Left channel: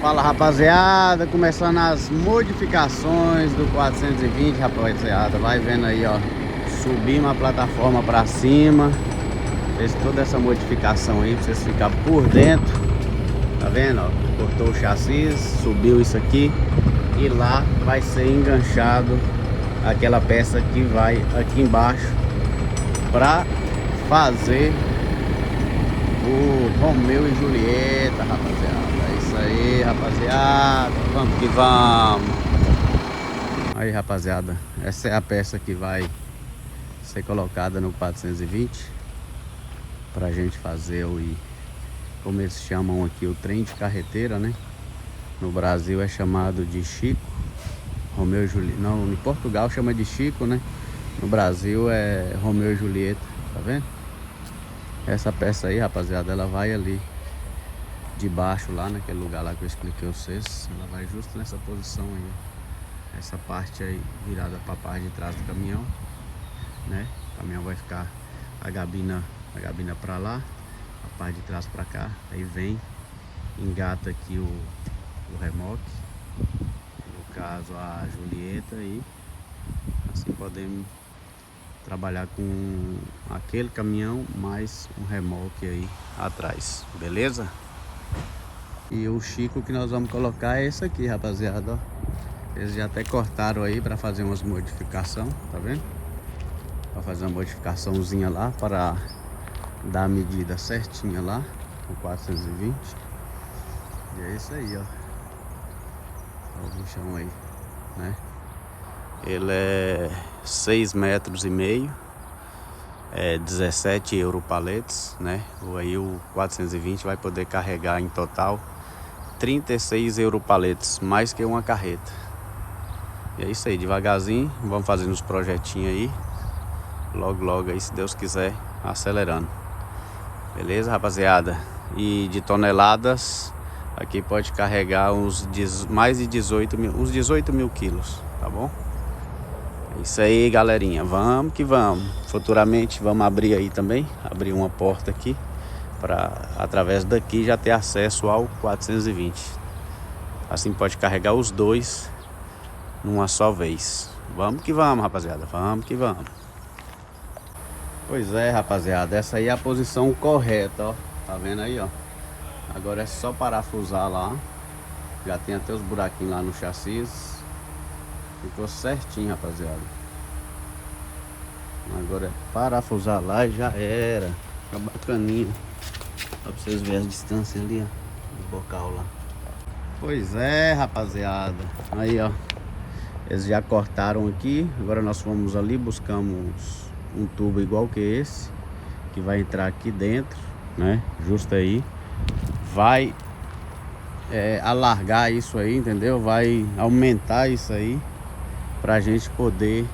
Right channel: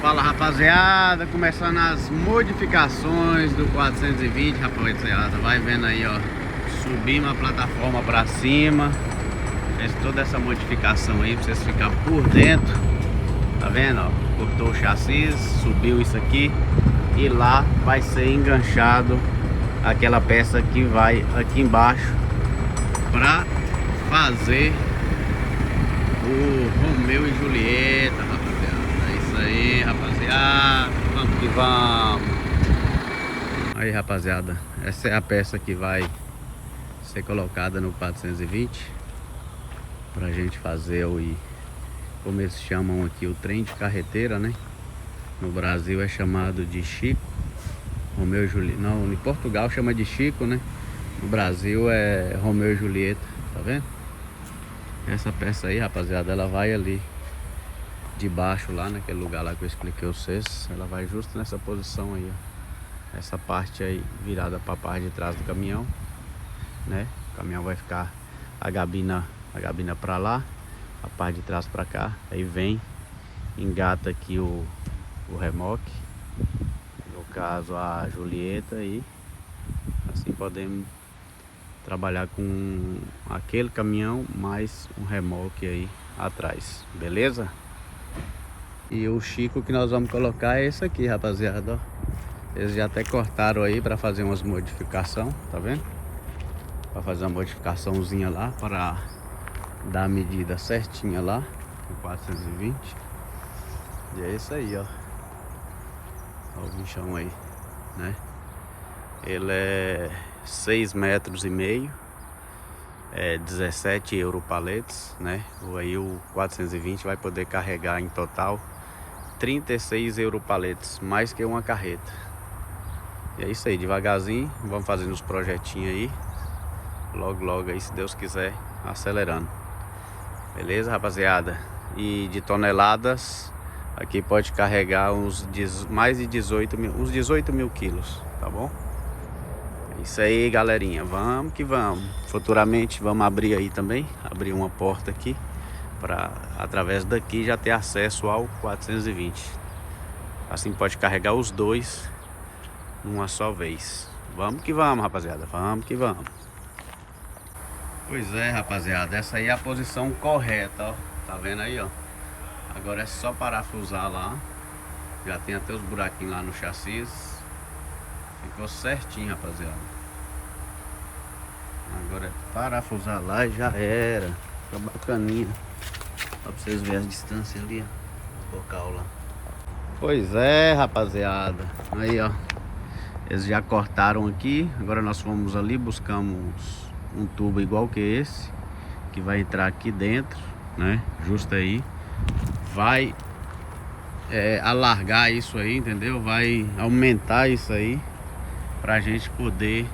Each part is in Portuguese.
Fala, rapaziada, começando as modificações do 420, rapaziada. Vai vendo aí, ó, subimos a plataforma pra cima. Fez toda essa modificação aí pra vocês ficarem por dentro. Tá vendo, ó? Cortou o chassi, subiu isso aqui. E lá vai ser enganchado aquela peça que vai aqui embaixo pra fazer o Romeu e Julieta, rapaziada. É isso aí, rapaziada. Vamos que vamos. Aí, rapaziada, essa é a peça que vai ser colocada no 420 pra gente fazer como eles chamam aqui, o trem de carreteira, né? No Brasil é chamado de Chico. Romeu e Julieta. Não, em Portugal chama de Chico, né? No Brasil é Romeu e Julieta, tá vendo? Essa peça aí, rapaziada, ela vai ali debaixo, lá naquele lugar lá que eu expliquei a vocês. Ela vai justo nessa posição aí, ó. Essa parte aí virada para a parte de trás do caminhão, né? O caminhão vai ficar a gabina para lá, a parte de trás para cá. Aí vem, engata aqui o remoque, no caso a Julieta, e assim podemos trabalhar com aquele caminhão mais um remoque aí atrás, beleza? E o Chico que nós vamos colocar é esse aqui, rapaziada, ó. Eles já até cortaram aí para fazer umas modificações, tá vendo? Para fazer uma modificaçãozinha lá, para dar a medida certinha lá, no 420. E é isso aí, ó. Ó o bichão aí, né? Ele é 6,5 metros, é 17 europaletes, né? Aí o 420 vai poder carregar em total 36 europaletes, mais que uma carreta. E é isso aí, devagarzinho, vamos fazendo os projetinhos aí. Logo, logo aí, se Deus quiser, acelerando. Beleza, rapaziada? E de toneladas, aqui pode carregar mais de 18 mil, uns 18 mil quilos, tá bom? É isso aí, galerinha, vamos que vamos. Futuramente vamos abrir aí também, abrir uma porta aqui, para através daqui já ter acesso ao 420. Assim pode carregar os dois numa só vez. Vamos que vamos, rapaziada, vamos que vamos. Pois é, rapaziada, essa aí é a posição correta, ó. Tá vendo aí, ó? Agora é só parafusar lá. Já tem até os buraquinhos lá no chassi. Ficou certinho, rapaziada. Agora é parafusar lá e já era. Fica bacaninha. Ó, pra vocês verem a distância ali, ó, do bocal lá. Pois é, rapaziada. Aí, ó. Eles já cortaram aqui. Agora nós fomos ali, buscamos um tubo igual que esse, que vai entrar aqui dentro, né? Justo aí. Vai alargar isso aí, entendeu? Vai aumentar isso aí pra gente poder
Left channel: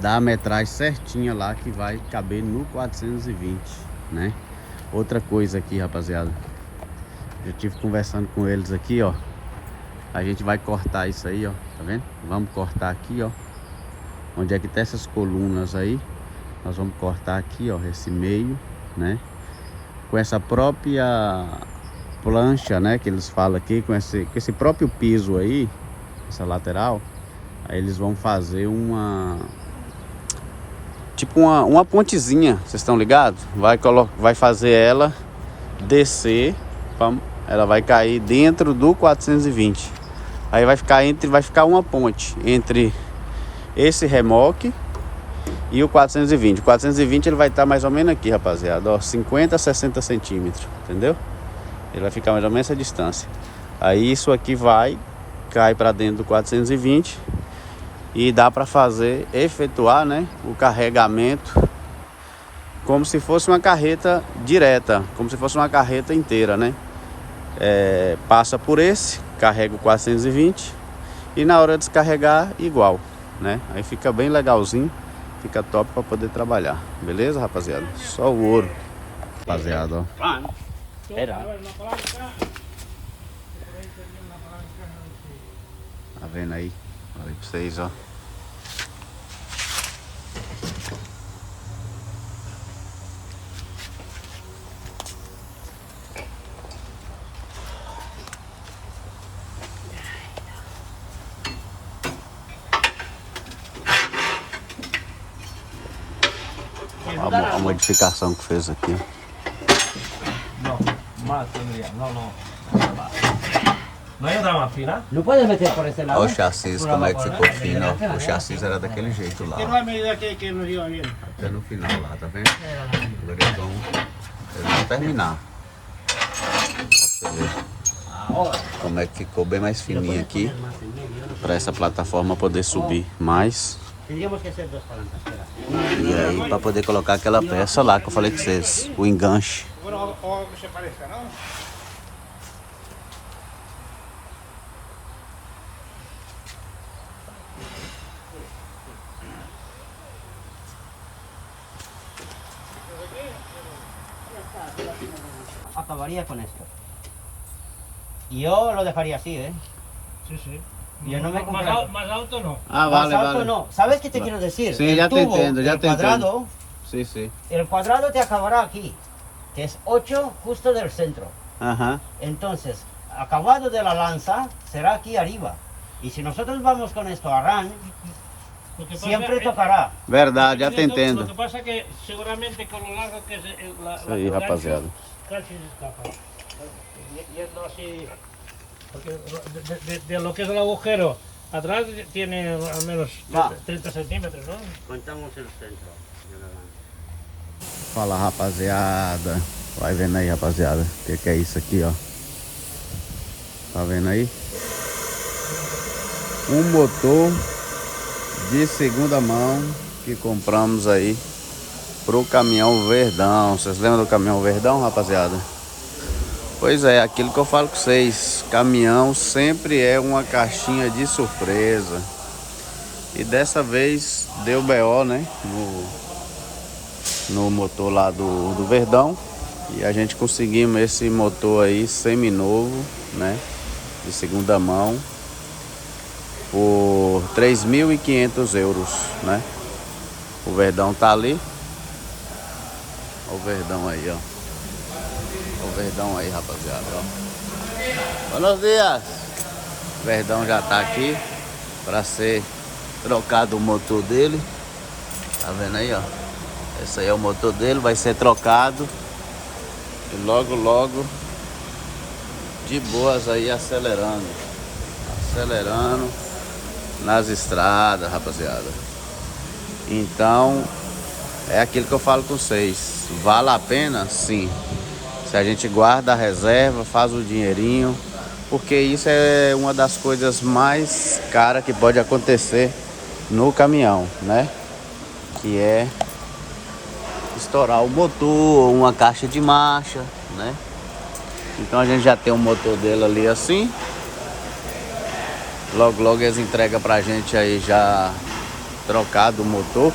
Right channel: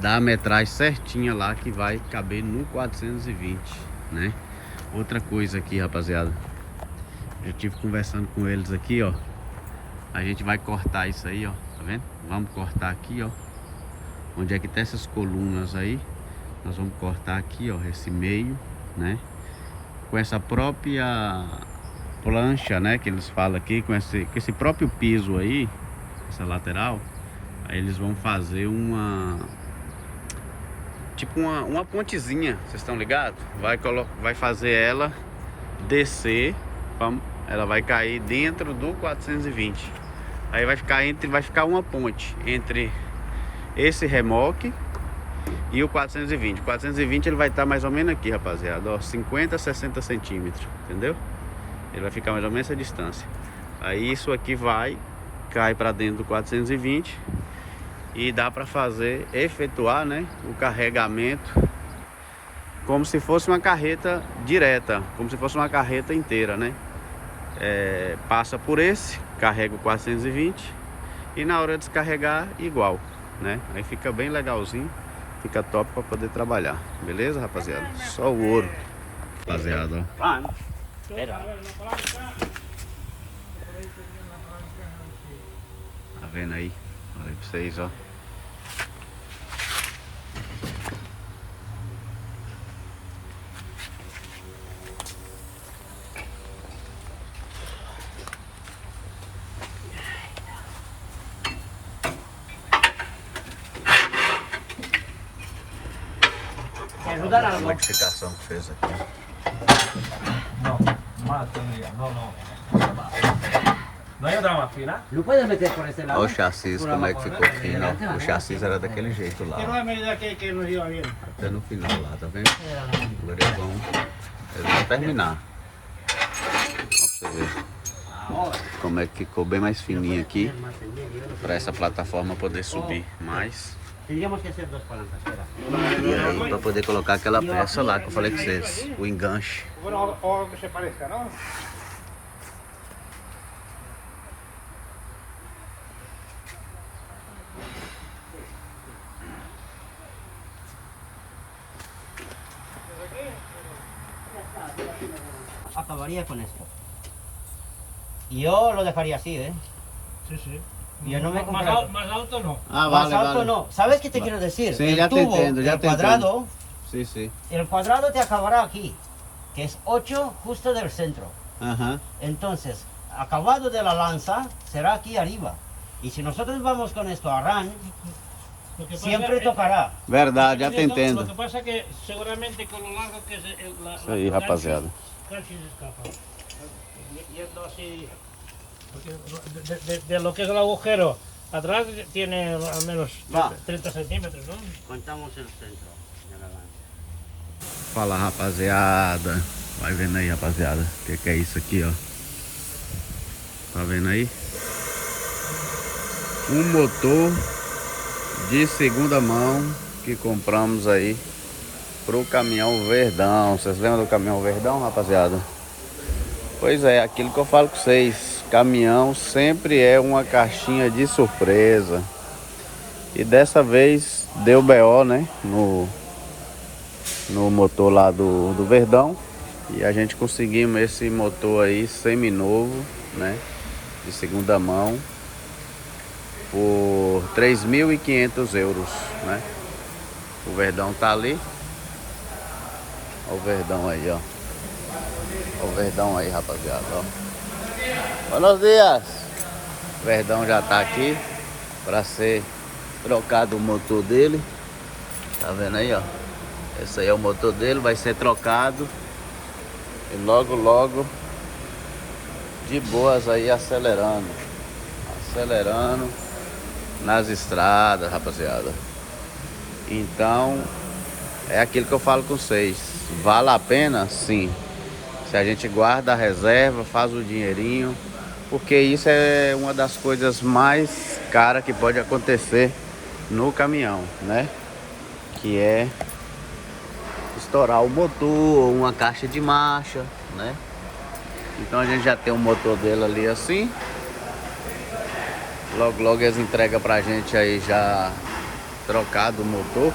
dar a metragem certinha lá, que vai caber no 420, né? Outra coisa aqui, rapaziada, eu tive conversando com eles aqui, ó. A gente vai cortar isso aí, ó, tá vendo? Vamos cortar aqui, ó, onde é que tem essas colunas aí. Nós vamos cortar aqui, ó, esse meio, né? Com essa própria plancha, né, que eles falam aqui, com esse próprio piso aí, essa lateral. Aí eles vão fazer tipo uma pontezinha, vocês estão ligados? Vai fazer ela descer, ela vai cair dentro do 420. Aí vai ficar uma ponte entre esse remoque e o 420. O 420 ele vai estar mais ou menos aqui, rapaziada, ó, 50 a 60 centímetros, entendeu? Ele vai ficar mais ou menos essa distância. Aí isso aqui cai para dentro do 420 e dá para efetuar, né, o carregamento como se fosse uma carreta direta, como se fosse uma carreta inteira, né? Passa por esse, carrega o 420 e na hora de descarregar igual, né? Aí fica bem legalzinho, fica top para poder trabalhar, beleza, rapaziada? Só o ouro, rapaziada, ó. Tá vendo aí? Olha aí pra vocês, ó. modificação que fez aqui. No, más todavía, no. ¿No hay otra más fina? ¿Lo puedes meter por ese lado? Olha o chassis, como é que ficou fino. Ó. O chassis era daquele jeito lá. Pero Ó. a medida que nos iba bien. Até no final lá, tá vendo? Agora eles vão terminar. Ó, pra você ver como é que ficou bem mais fininho aqui. Para essa plataforma poder subir mais. Tendríamos que hacer dos palancas, espera. E aí para poder colocar aquela peça lá que eu falei com vocês, o enganche. Bueno, o que se parezca, ¿no? Acabaría con esto. Yo lo dejaría así, ¿eh? Sí, sí. Yo no me más, compré- más alto no. Ah, Más alto no. ¿Sabes qué te quiero decir? Sí, El ya te tubo, entiendo, ya el te cuadrado, Sim, sim. El cuadrado te acabará aquí, que es 8 justo del centro. Aham. Entonces, acabado de la lanza será aquí arriba. Y si nosotros vamos con esto a ran, Lo que pasa siempre es- tocará. Verdade, já te Lo que entendo. pasa es que seguramente con lo largo que es la Isso aí, rapaziada. casi se escapa. Yendo así, porque de lo que es el agujero atrás tiene al menos Va. 30 centímetros, ¿no? Contamos el centro de la lanza. Fala, rapaziada. Vai vendo aí, rapaziada. O que é isso aqui, ó. Tá vendo aí? Um motor de segunda mão que compramos aí pro caminhão Verdão. Vocês lembram do caminhão Verdão, rapaziada? Pois é, aquilo que eu falo com vocês. Caminhão sempre é uma caixinha de surpresa. E dessa vez deu BO, né? No motor lá do Verdão. E a gente conseguimos esse motor aí seminovo, né? De segunda mão. Por 3.500 euros, né? O Verdão tá ali. Olha o Verdão aí, ó. Olha o Verdão aí, rapaziada, ó. Buenos dias! O Verdão já tá aqui para ser trocado o motor dele. Tá vendo aí, ó? Esse aí é o motor dele, vai ser trocado. E logo, logo, de boas aí, acelerando. Acelerando nas estradas, rapaziada. Então, é aquilo que eu falo com vocês. Vale a pena? Sim. Se a gente guarda a reserva, faz o dinheirinho. Porque isso é uma das coisas mais caras que pode acontecer no caminhão, né? Que é estourar o motor, uma caixa de marcha, né? Então a gente já tem o motor dele ali assim. Logo, logo eles entregam pra gente aí já trocado o motor.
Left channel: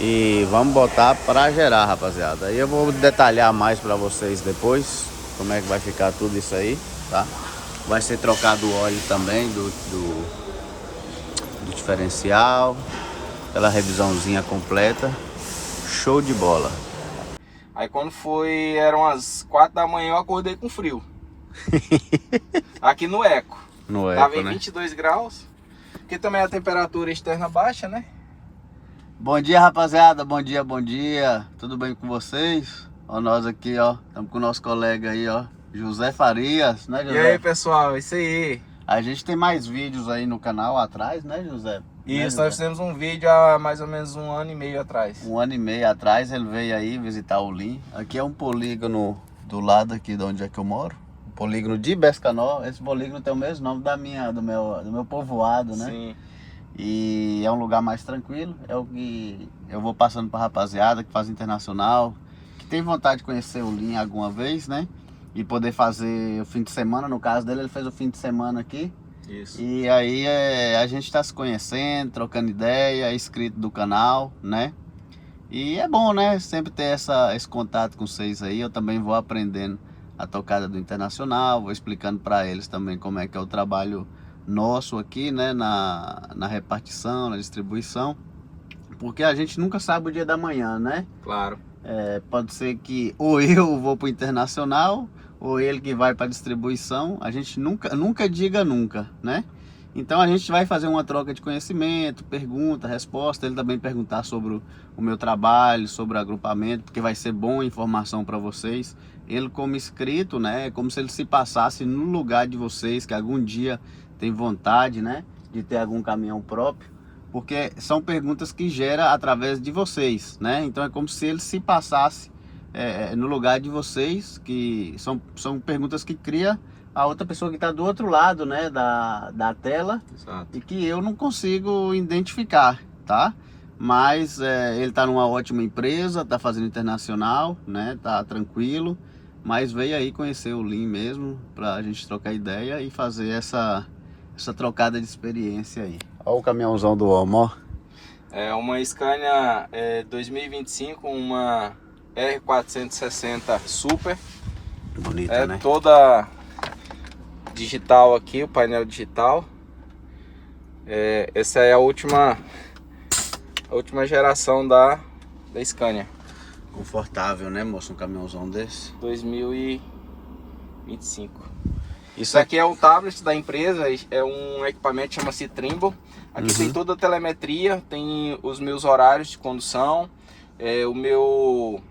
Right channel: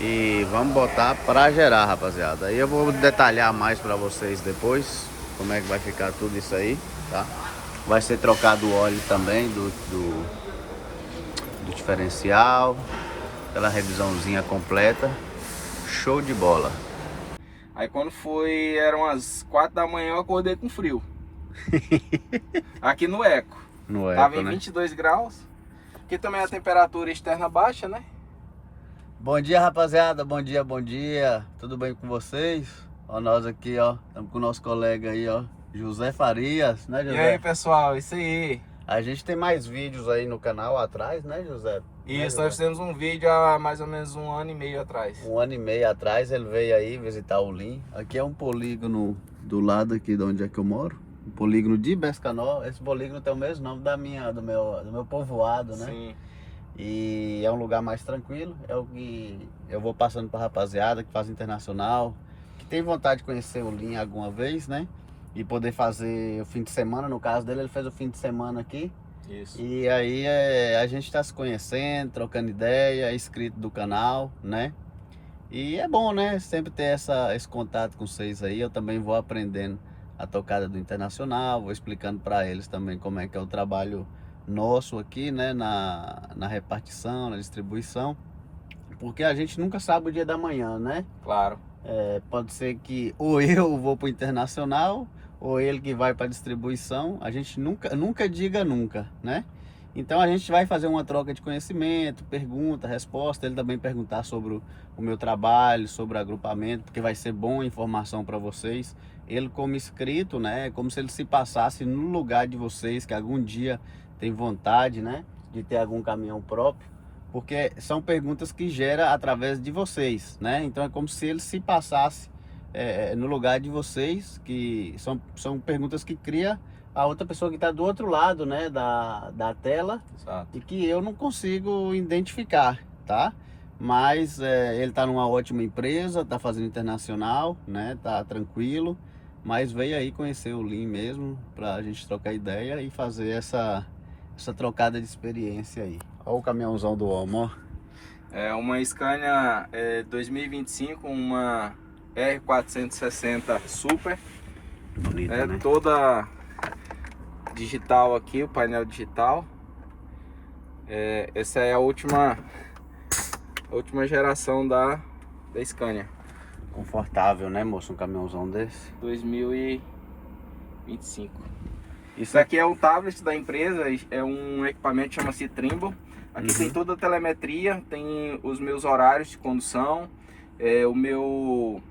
E vamos botar pra gerar, rapaziada. Aí eu vou detalhar mais pra vocês depois como é que vai ficar tudo isso aí, tá? Vai ser trocado o óleo também do diferencial. Aquela revisãozinha completa. Show de bola. Aí quando foi, eram as 4 da manhã, eu acordei com frio. Aqui no Eco. No Tava Eco, em né? 22 graus. Porque também a temperatura externa baixa, né? Bom dia, rapaziada. Bom dia, bom dia. Tudo bem com vocês? Ó, nós aqui, ó. Estamos com o nosso colega aí, ó. José Farias, né, José? E aí, pessoal, isso aí. A gente tem mais vídeos aí no canal atrás, né, José? Né, Isso, nós José? fizemos um vídeo há mais ou menos 1 ano e meio atrás. 1 ano e meio atrás ele veio aí visitar o Lim. Aqui é um polígono do lado aqui de onde é que eu moro. Um polígono de Bescanó. Esse polígono tem o mesmo nome do meu povoado, né? Sim. E é um lugar mais tranquilo. É o que eu vou passando pra rapaziada que faz internacional, que tem vontade de conhecer o Lim alguma vez, né? E poder fazer o fim de semana. No caso dele, ele fez o fim de semana aqui. Isso. E aí a gente tá se conhecendo, trocando ideia, é inscrito do canal, né? E é bom, né? Sempre ter esse contato com vocês aí. Eu também vou aprendendo a tocada do internacional, vou explicando para eles também como é que é o trabalho nosso aqui, né? Na repartição, na distribuição. Porque a gente nunca sabe o dia da manhã, né? Claro. Pode ser que ou eu vou pro internacional ou ele que vai para distribuição. A gente nunca diga nunca, né? Então a gente vai fazer uma troca de conhecimento, pergunta, resposta, ele também perguntar sobre o meu trabalho, sobre o agrupamento, porque vai ser bom informação para vocês. Ele como inscrito, né, é como se ele se passasse no lugar de vocês, que algum dia tem vontade, né, de ter algum caminhão próprio, porque são perguntas que gera através de vocês, né, então é como se ele se passasse no lugar de vocês, que são perguntas que cria a outra pessoa que está do outro lado, né, da tela. Exato. E que eu não consigo identificar, tá? Mas ele está numa ótima empresa, está fazendo internacional, né? Tá tranquilo, mas veio aí conhecer o Lin mesmo, para a gente trocar ideia e fazer essa trocada de experiência aí. Olha o caminhãozão do homem, ó. É uma Scania 2025, uma R460 Super. Bonita, né? Toda digital aqui, o painel digital. Essa é a última geração da Scania. Confortável, né, moço? Um caminhãozão desse. 2025. Isso Isso aqui é um tablet da empresa, é um equipamento que chama-se Trimble. Aqui tem toda a telemetria, tem os meus horários de condução, o meu...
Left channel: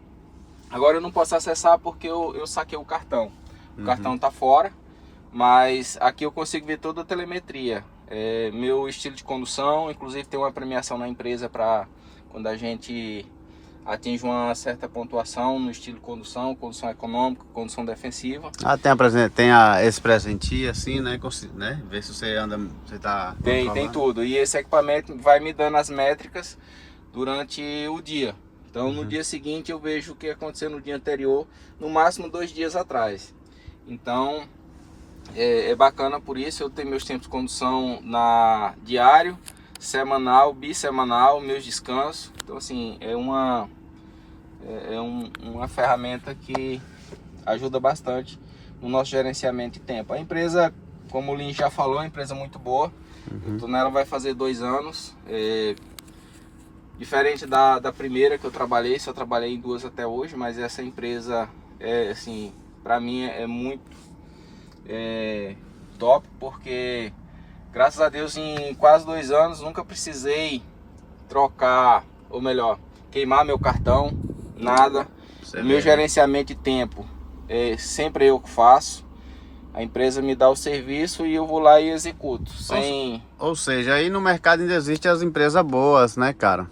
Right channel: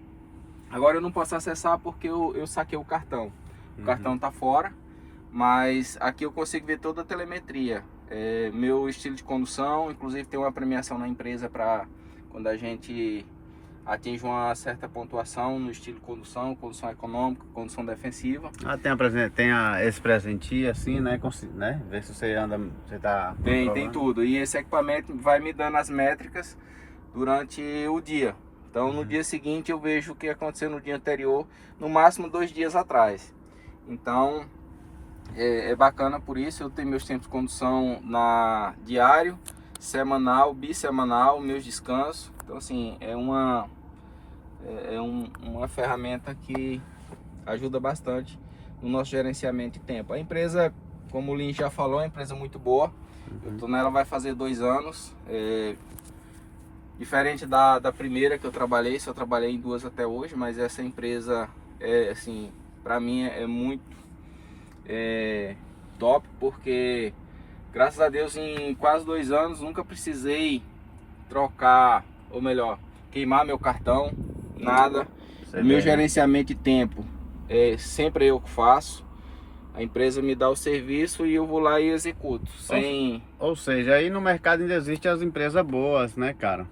Agora eu não posso acessar porque eu saquei o cartão. O cartão tá fora, mas aqui eu consigo ver toda a telemetria. Meu estilo de condução, inclusive tem uma premiação na empresa para quando a gente atinge uma certa pontuação no estilo de condução econômica, condução defensiva. Tem esse presentinho assim, né? Ver se você anda, você tá Tem tudo. E esse equipamento vai me dando as métricas durante o dia. Então no dia seguinte eu vejo o que aconteceu no dia anterior, no máximo 2 dias atrás. Então é bacana por isso. Eu tenho meus tempos de condução diário, semanal, bissemanal, meus descansos. Então assim, é uma ferramenta que ajuda bastante no nosso gerenciamento de tempo. A empresa, como o Lin já falou, é uma empresa muito boa. Eu tô nela vai fazer 2 anos. Diferente da primeira que eu trabalhei, só trabalhei em 2 até hoje, mas essa empresa assim, para mim é muito top, porque graças a Deus em quase 2 anos nunca precisei trocar, ou melhor, queimar meu cartão, nada. Meu gerenciamento de tempo sempre eu que faço. A empresa me dá o serviço e eu vou lá e executo. Ou seja, aí no mercado ainda existem as empresas boas, né, cara?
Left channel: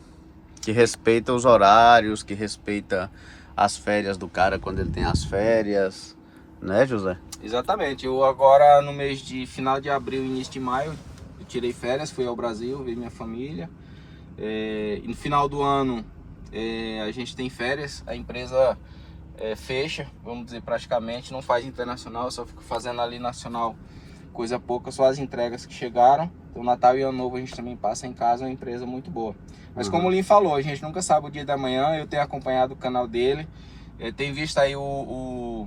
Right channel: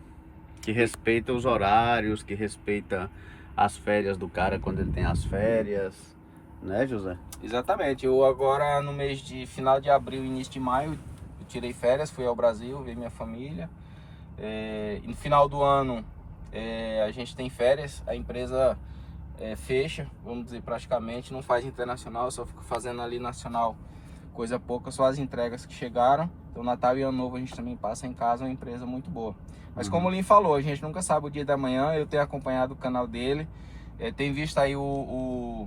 Que respeitam os horários, que respeita as férias do cara quando ele tem as férias, né, José? Exatamente. Eu agora no mês de final de abril, início de maio, eu tirei férias, fui ao Brasil, vi minha família. E no final do ano a gente tem férias, a empresa fecha, vamos dizer, praticamente, não faz internacional, eu só fico fazendo ali nacional coisa pouca, só as entregas que chegaram. Então Natal e Ano Novo a gente também passa em casa, uma empresa muito boa. Mas como o Lin falou, a gente nunca sabe o dia da manhã. Eu tenho acompanhado o canal dele, tenho visto aí o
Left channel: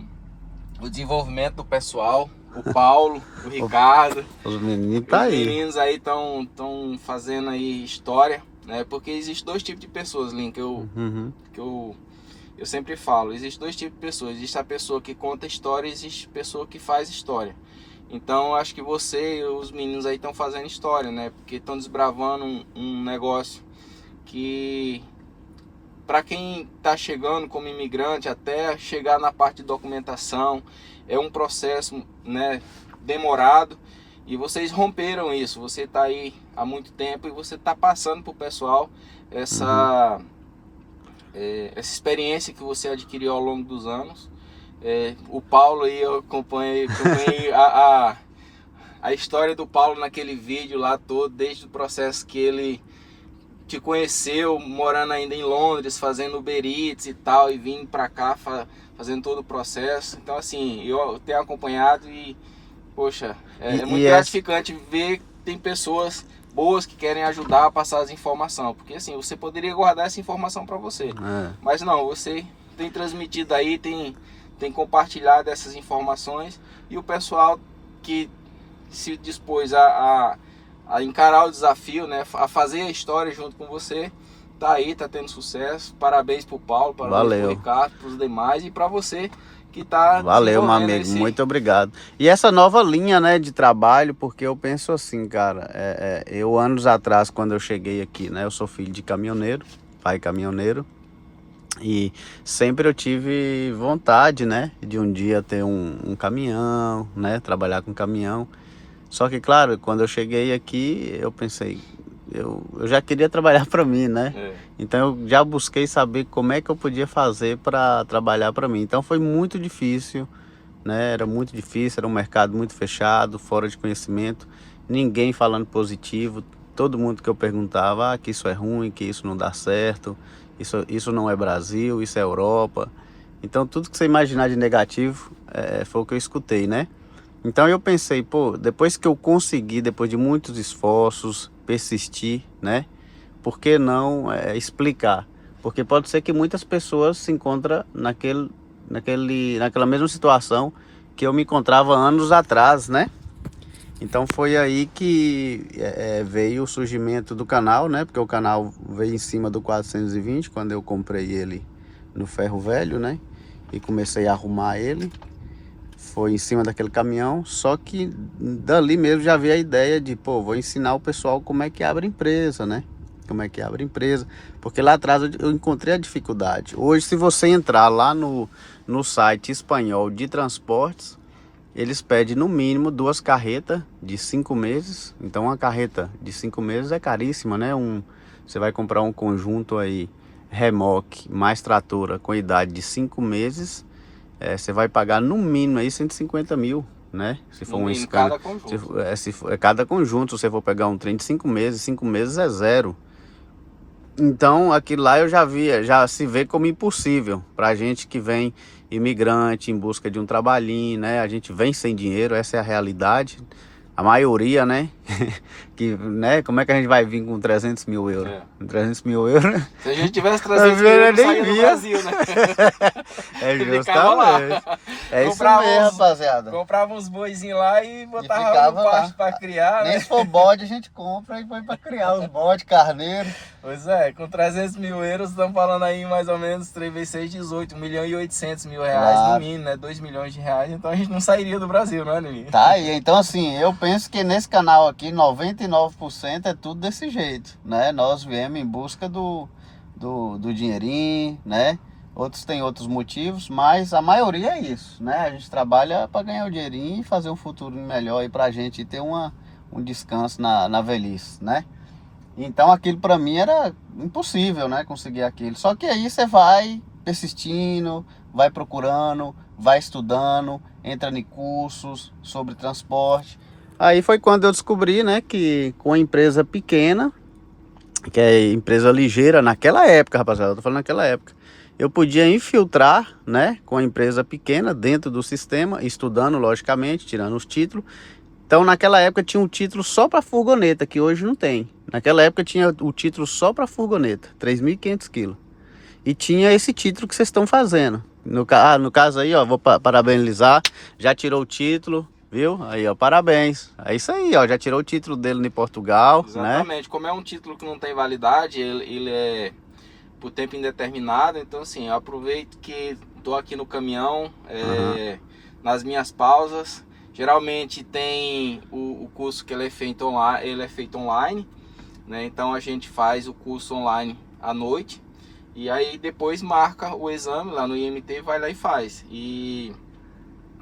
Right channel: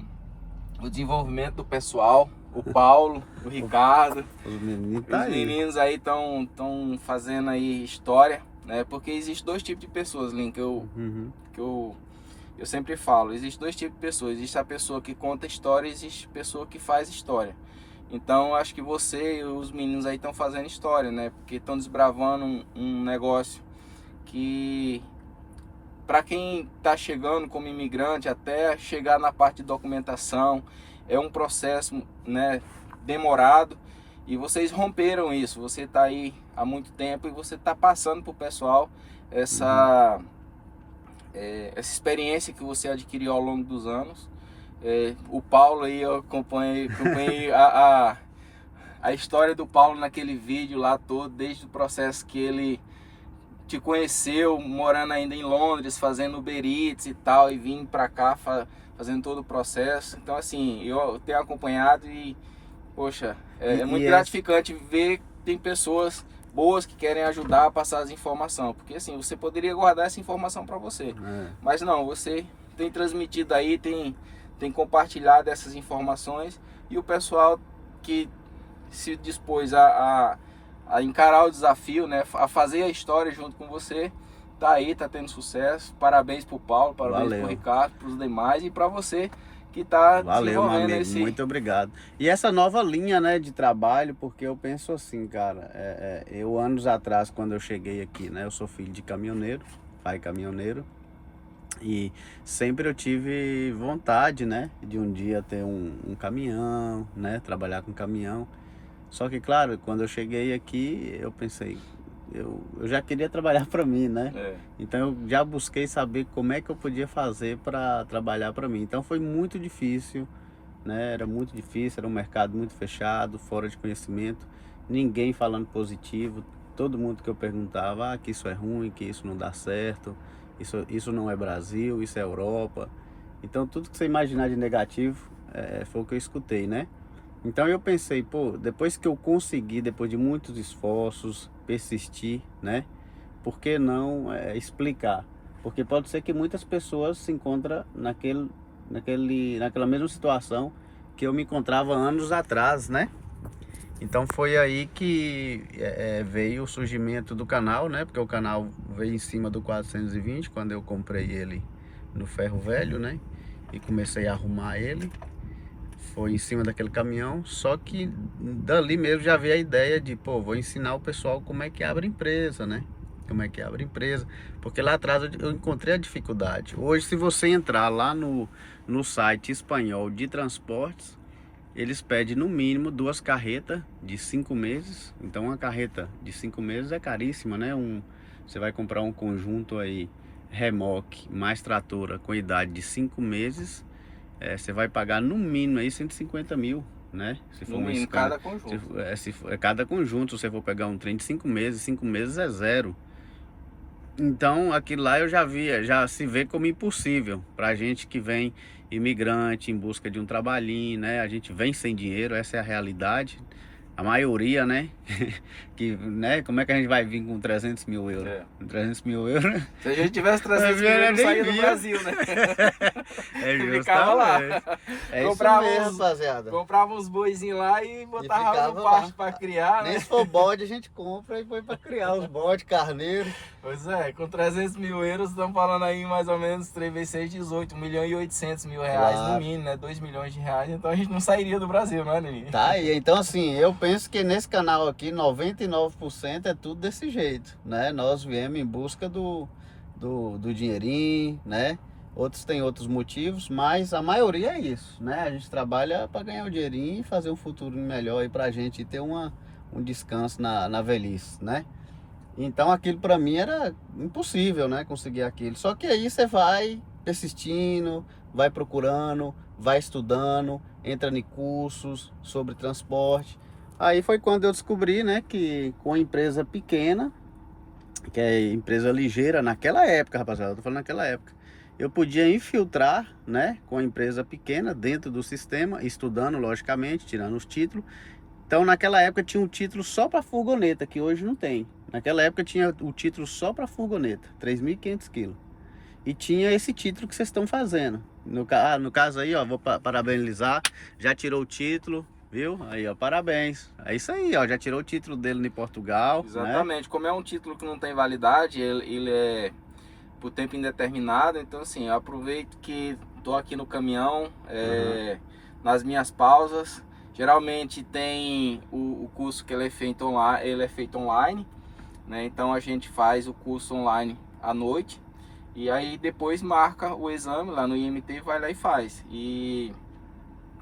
desenvolvimento do pessoal, o Paulo, o Ricardo. Os meninos tá aí. Os meninos aí estão fazendo aí história, né? Porque existe 2 tipos de pessoas, Lin, que eu sempre falo. Existe 2 tipos de pessoas. Existe a pessoa que conta história e existe a pessoa que faz história. Então acho que você e os meninos aí estão fazendo história, né? Porque estão desbravando um negócio que, para quem está chegando como imigrante, até chegar na parte de documentação, é um processo, né, demorado. E vocês romperam isso. Você está aí há muito tempo e você está passando para o pessoal essa experiência que você adquiriu ao longo dos anos. O Paulo aí, eu acompanhei a história do Paulo naquele vídeo lá todo, desde o processo que ele te conheceu, morando ainda em Londres, fazendo Uber Eats e tal, e vindo pra cá fazendo todo o processo. Então assim, eu tenho acompanhado e, poxa, é muito gratificante ver que tem pessoas boas que querem ajudar a passar as informações, porque assim, você poderia guardar essa informação para você, mas não, você tem transmitido aí, tem compartilhado essas informações, e o pessoal que se dispôs a encarar o desafio, né, a fazer a história junto com você, tá aí, tá tendo sucesso. Parabéns pro Paulo, parabéns pro Ricardo, pros demais, e para você que tá Valeu, meu desenvolvendo amigo, muito obrigado. E essa nova linha, né, de trabalho, porque eu penso assim, cara, eu anos atrás, quando eu cheguei aqui, né, eu sou filho de caminhoneiro, pai caminhoneiro, e sempre eu tive vontade, né, de um dia ter um caminhão, né, trabalhar com caminhão. Só que, claro, quando eu cheguei aqui, eu pensei, eu já queria trabalhar para mim, né? Então eu já busquei saber como é que eu podia fazer para trabalhar para mim. Então foi muito difícil, né? Era muito difícil, era um mercado muito fechado, fora de conhecimento, ninguém falando positivo. Todo mundo que eu perguntava que isso é ruim, que isso não dá certo, isso não é Brasil, isso é Europa. Então tudo que você imaginar de negativo foi o que eu escutei, né? Então eu pensei, pô, depois que eu consegui, depois de muitos esforços, persistir, né? Por que não explicar? Porque pode ser que muitas pessoas se encontram naquela mesma situação que eu me encontrava anos atrás, né? Então foi aí que veio o surgimento do canal, né? Porque o canal veio em cima do 420, quando eu comprei ele no ferro velho, né? E comecei a arrumar ele. Foi em cima daquele caminhão, só que dali mesmo já veio a ideia de, pô, vou ensinar o pessoal como é que abre empresa, né? Como é que abre empresa, porque lá atrás eu encontrei a dificuldade. Hoje, se você entrar lá no site espanhol de transportes, eles pedem no mínimo 2 carretas de 5 meses. Então uma carreta de 5 meses é caríssima, né? Você vai comprar um conjunto aí, remoque mais tratora com idade de 5 meses, você vai pagar no mínimo aí 150 mil, né? Se for cada conjunto. Se for cada conjunto, se você for pegar um trem de 5 meses é zero. Então aquilo lá eu já se vê como impossível pra gente que vem imigrante em busca de um trabalhinho, né? A gente vem sem dinheiro, essa é a realidade. A maioria, né? Né? Como é que a gente vai vir com 300 mil euros? 300 mil euros? Se a gente tivesse 300 mil euros, não saía do Brasil, né? Justamente. É isso mesmo, rapaziada. Comprava uns boizinhos lá e botava no pasto pra criar, Nem né? se for bode, a gente compra e põe pra criar os bodes, carneiro. Pois é, com 300 mil euros, estamos falando aí mais ou menos 3 vezes 6, 18, 1 milhão e 800 mil reais no mínimo, né? 2 milhões de reais, então a gente não sairia do Brasil, né, Nini? Tá, e então assim, eu penso que nesse canal aqui, 99% é tudo desse jeito, né? Nós viemos em busca do dinheirinho, né? Outros têm outros motivos, mas a maioria é isso, né? A gente trabalha para ganhar o dinheirinho e fazer um futuro melhor aí pra gente e ter um descanso na velhice, né? Então aquilo para mim era impossível, né? Conseguir aquilo. Só que aí você vai persistindo, vai procurando, vai estudando, entra em cursos sobre transporte. Aí foi quando eu descobri, né, que com a empresa pequena, que é empresa ligeira, naquela época, rapaziada, eu tô falando naquela época, eu podia infiltrar, né, com a empresa pequena dentro do sistema, estudando, logicamente, tirando os títulos. Então, naquela época tinha um título só para furgoneta, que hoje não tem. Naquela época tinha o título só para furgoneta, 3.500 quilos. E tinha esse título que vocês estão fazendo. No caso aí, ó, vou parabenizar, já tirou o título, viu? Aí, ó, parabéns. É isso aí, ó, já tirou o título dele em Portugal. Exatamente, né? Como é um título que não tem validade, ele é por tempo indeterminado. Então, assim, eu aproveito que tô aqui no caminhão, nas minhas pausas. Geralmente tem o curso que ele é feito online, né? Então a gente faz o curso online à noite e aí depois marca o exame lá no IMT, vai lá e faz. E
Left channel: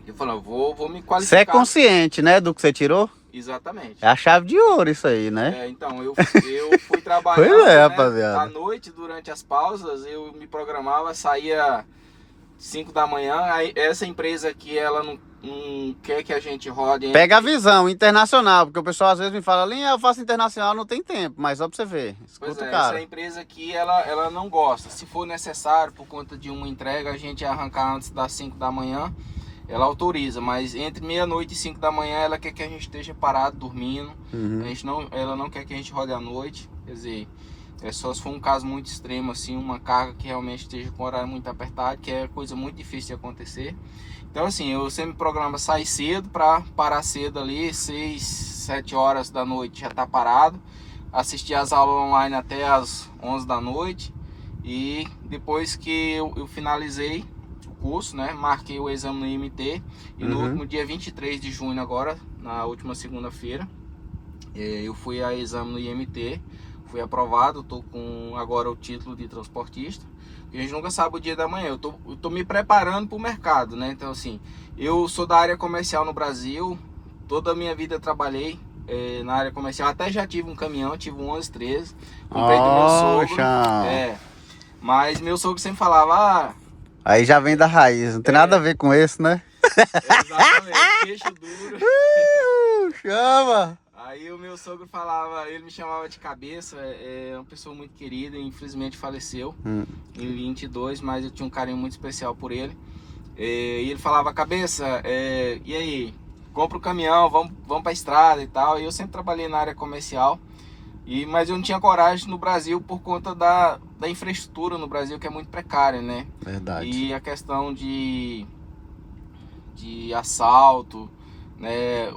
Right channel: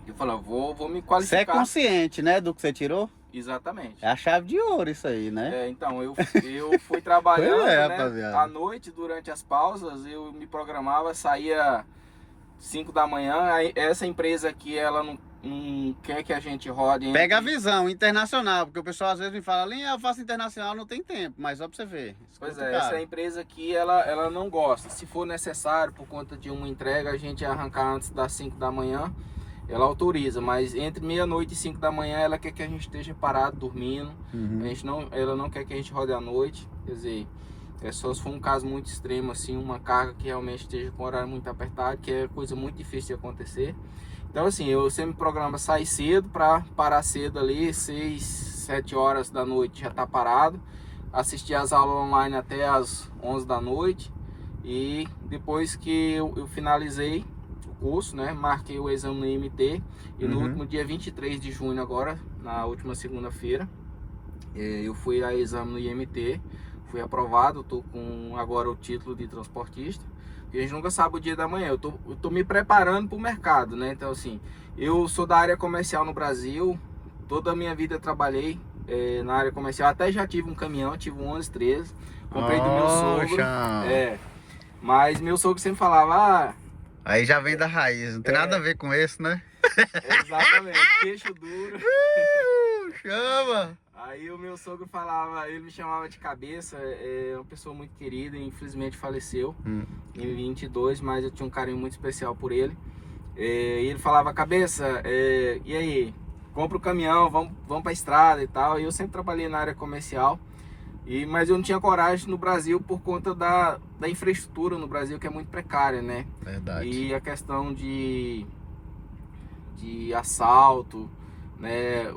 eu falo, vou me qualificar. Você é consciente, né, do que você tirou? Exatamente. É a chave de ouro isso aí, né? Então eu fui trabalhando, Pois é, né? rapaziada. À noite, durante as pausas, eu me programava, saía 5 da manhã. Aí essa empresa aqui, ela não quer que a gente rode. Pega a visão internacional, porque o pessoal às vezes me fala, eu faço internacional, não tem tempo, mas ó pra você ver. Pois é, essa empresa aqui, ela não gosta. Se for necessário, por conta de uma entrega, a gente arrancar antes das 5 da manhã, ela autoriza, mas entre meia-noite e 5 da manhã, ela quer que a gente esteja parado, dormindo. Ela não quer que a gente rode à noite, quer dizer, só se for um caso muito extremo, assim, uma carga que realmente esteja com o horário muito apertado, que é coisa muito difícil de acontecer. Então, assim, eu sempre programo sair cedo para parar cedo ali, 6, 7 horas da noite já tá parado, assistir as aulas online até as 11 da noite e depois que eu finalizei o curso, né? Marquei o exame no IMT e no Uhum. último dia 23 de junho agora, na última segunda-feira, eu fui a exame no IMT, fui aprovado, tô com agora o título de transportista. E a gente nunca sabe o dia da manhã, eu tô me preparando para o mercado, né? Então assim, eu sou da área comercial no Brasil, toda a minha vida eu trabalhei na área comercial, até já tive um caminhão, tive um 1113, comprei do meu sogro, Poxa. mas meu sogro sempre falava, Aí já vem da raiz, não tem nada a ver com esse, né? exatamente, queixo duro. Chama! Aí o meu sogro falava, ele me chamava de cabeça, é uma pessoa muito querida, infelizmente faleceu em 22, mas eu tinha um carinho muito especial por ele. E ele falava, cabeça, e aí, compra o caminhão, vamos pra estrada e tal. E eu sempre trabalhei na área comercial, mas eu não tinha coragem no Brasil por conta da infraestrutura no Brasil, que é muito precária, né? Verdade. E a questão de assalto, né?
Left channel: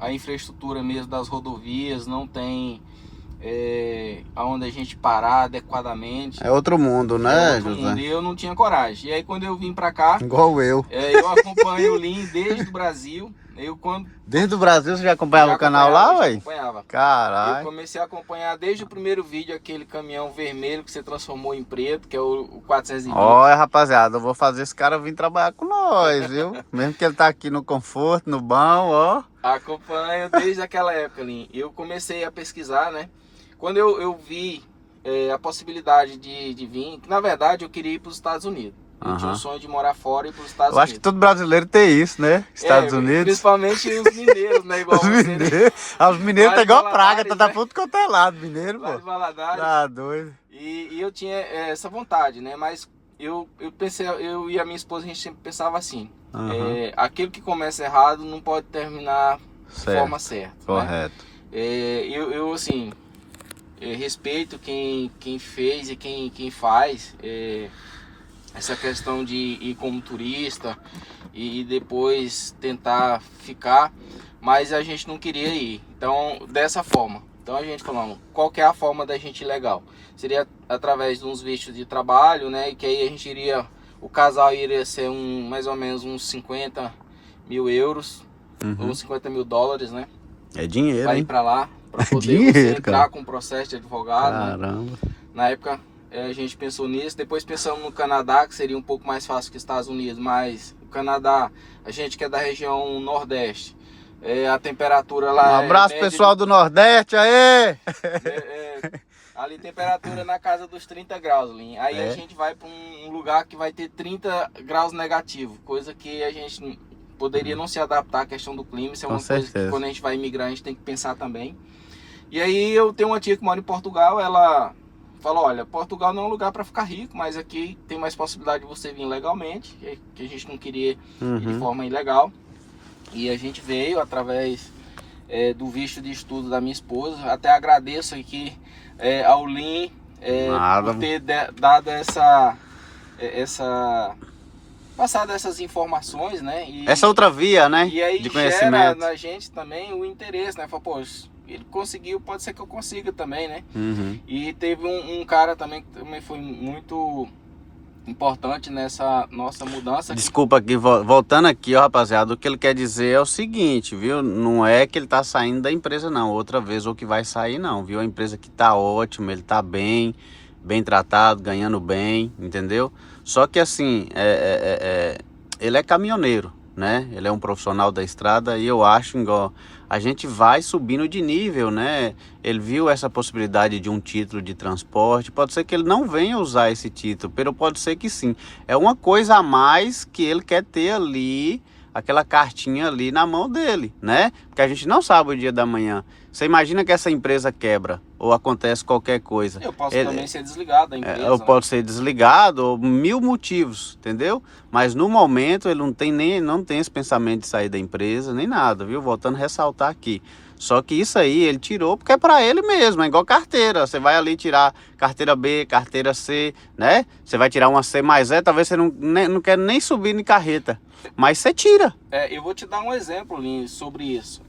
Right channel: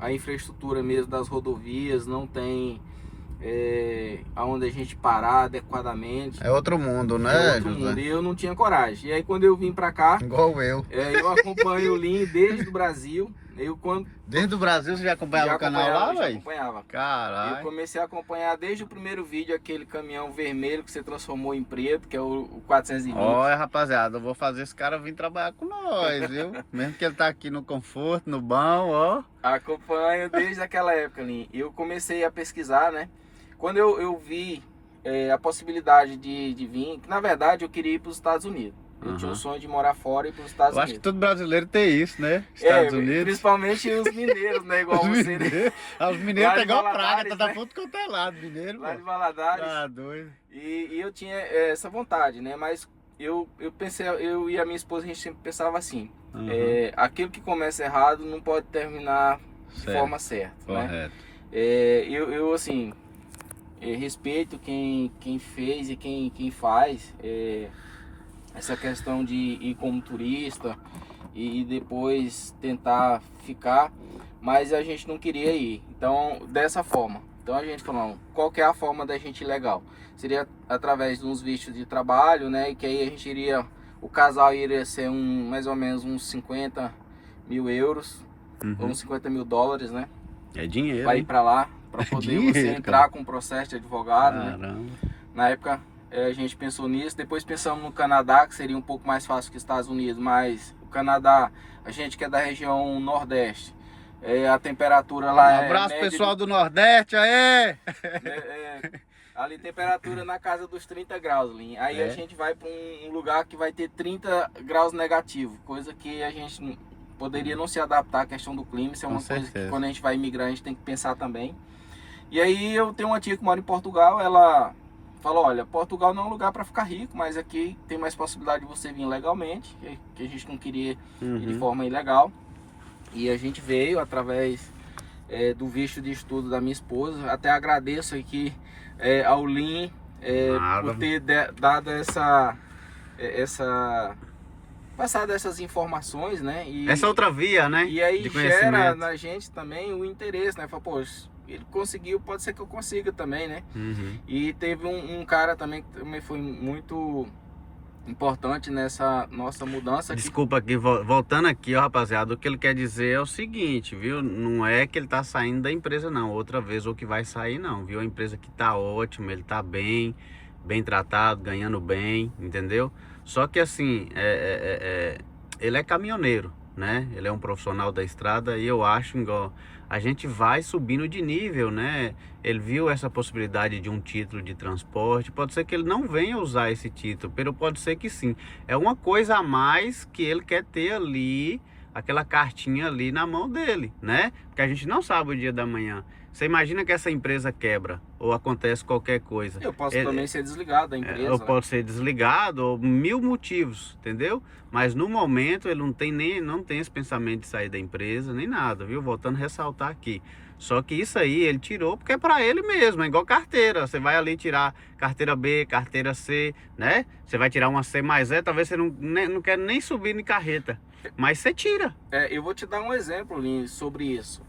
A infraestrutura mesmo das rodovias não tem aonde a gente parar adequadamente. É outro mundo, né, Outro José? mundo. E eu não tinha coragem. E aí quando eu vim pra cá, Igual eu. eu acompanho o Lean desde o Brasil. Desde o Brasil você já acompanhava o canal lá, já velho? acompanhava. Eu Caralho. comecei a acompanhar desde o primeiro vídeo, aquele caminhão vermelho que você transformou em preto, que é o 420. Olha, rapaziada, eu vou fazer esse cara vir trabalhar com nós, viu? Mesmo que ele tá aqui no conforto, no bom, ó. Acompanho desde aquela época, Lean. Eu comecei a pesquisar, né? Quando eu vi a possibilidade de vir, que na verdade eu queria ir para os Estados Unidos. Eu tinha um sonho de morar fora e ir para os Estados Eu acho que Unidos. todo brasileiro tem isso, né? Estados Unidos. Principalmente os mineiros, né? Igual Os você. mineiros. Os mineiros tá igual a praga, tá da né? puta quanto é lado, mineiro, Lá pô. de Valadares. Tá doido. E eu tinha essa vontade, né? Mas eu pensei, eu e a minha esposa, a gente sempre pensava assim: aquilo que começa errado não pode terminar de forma certa. Correto. Né? Eu assim, respeito quem fez e quem faz essa questão de ir como turista e depois tentar ficar, mas a gente não queria ir. Então, dessa forma. Então a gente falou, qual que é a forma da gente ir legal? Seria através de uns vistos de trabalho, né? E que aí a gente iria, o casal iria ser mais ou menos uns 50 mil euros, ou uns 50 mil dólares, né? É dinheiro, Vai ir hein? pra lá, pra poder Dinheiro, você entrar cara. com o processo de advogado. Caramba. Né? Na época a gente pensou nisso, depois pensamos no Canadá, que seria um pouco mais fácil que os Estados Unidos, mas o Canadá, a gente que é da região Nordeste, a temperatura lá Um abraço, pessoal do Nordeste, aí! ali temperatura na casa dos 30 graus, Lin. Aí a gente vai para um lugar que vai ter 30 graus negativo, coisa que a gente poderia não se adaptar à questão do clima. Isso é uma coisa que quando a gente vai migrar a gente tem que pensar também. E aí eu tenho uma tia que mora em Portugal, ela falou, olha, Portugal não é um lugar para ficar rico, mas aqui tem mais possibilidade de você vir legalmente, que a gente não queria ir de forma ilegal. E a gente veio através do visto de estudo da minha esposa. Até agradeço aqui ao Lean por ter dado passado essas informações, né? Essa outra via, né? E aí de gera conhecimento. na gente também o interesse, né? Fala, pô, ele conseguiu, pode ser que eu consiga também, né? E teve um cara também que também foi muito importante nessa nossa mudança. Desculpa aqui, voltando aqui, ó, rapaziada, o que ele quer dizer é o seguinte, viu? Não é que ele tá saindo da empresa, não, outra vez, ou que vai sair, não, viu? A empresa que tá ótima, ele tá bem tratado, ganhando bem, entendeu? Só que assim, ele é caminhoneiro, né? Ele é um profissional da estrada e eu acho, igual, a gente vai subindo de nível, né? Ele viu essa possibilidade de um título de transporte, pode ser que ele não venha usar esse título, pero pode ser que sim. É uma coisa a mais que ele quer ter ali, aquela cartinha ali na mão dele, né? Porque a gente não sabe o dia da manhã. Você imagina que essa empresa quebra ou acontece qualquer coisa. Eu posso também ser desligado da empresa. Ou pode ser desligado, ou 1000 motivos, entendeu? Mas no momento ele não tem esse pensamento de sair da empresa, nem nada, viu? Voltando a ressaltar aqui. Só que isso aí ele tirou porque é para ele mesmo, é igual carteira. Você vai ali tirar carteira B, carteira C, né? Você vai tirar uma C mais E, talvez você não quer nem subir em carreta, mas você tira. Eu vou te dar um exemplo, Lin, sobre isso.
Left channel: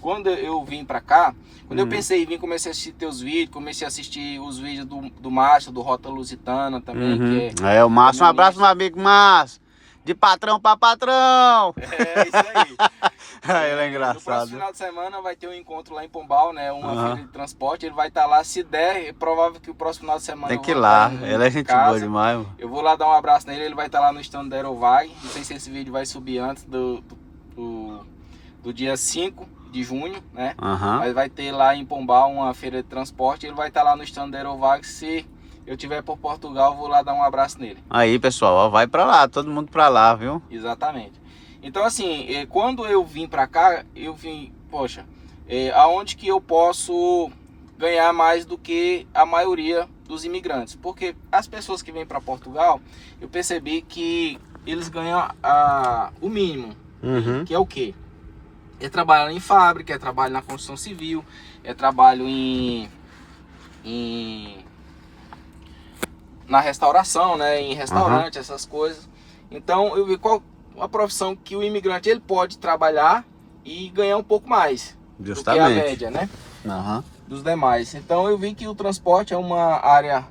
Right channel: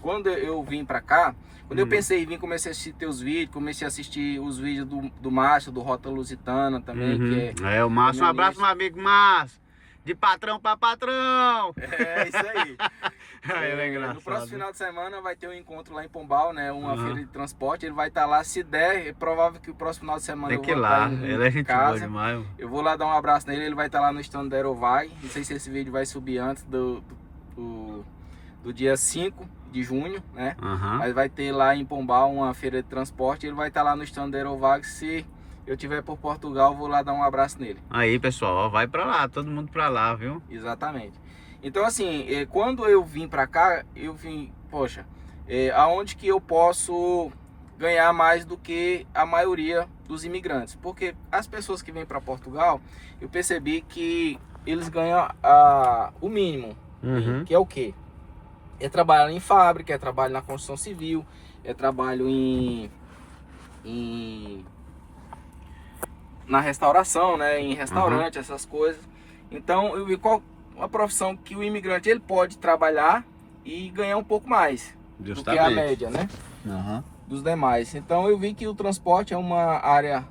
quando eu vim pra cá, quando eu pensei em vir, comecei a assistir teus vídeos, comecei a assistir os vídeos do Márcio, do Rota Lusitana também, que É, o Márcio, um abraço, meu caminhonista. amigo Márcio. De patrão pra patrão. É isso aí. Ele é No próximo engraçado. final de semana vai ter um encontro lá em Pombal, né? Uma Aham. feira de transporte. Ele vai estar lá, se der, é provável que o próximo final de semana Tem eu que ir vou lá. estar Ele é em gente casa. boa demais, mano. Eu vou lá dar um abraço nele, ele vai estar lá no stand da Aerovag. Não sei se esse vídeo vai subir antes do dia 5 de junho, né? Aham. Mas vai ter lá em Pombal uma feira de transporte. Ele vai estar lá no stand da Aerovag. Se eu estiver por Portugal, eu vou lá dar um abraço nele. Aí, pessoal, ó, vai pra lá, todo mundo pra lá, viu? Exatamente. Então, assim, quando eu vim pra cá, eu vim, poxa, aonde que eu posso ganhar mais do que a maioria dos imigrantes? Porque as pessoas que vêm para Portugal, eu percebi que eles ganham o mínimo, Uhum. que é o quê? É trabalho em fábrica, é trabalho na construção civil, é trabalho na restauração, né? Em restaurante, essas coisas. Então eu vi qual a profissão que o imigrante ele pode trabalhar e ganhar um pouco mais do que a Justamente. média, né? Aham. Dos demais. Então eu vi que o transporte é uma área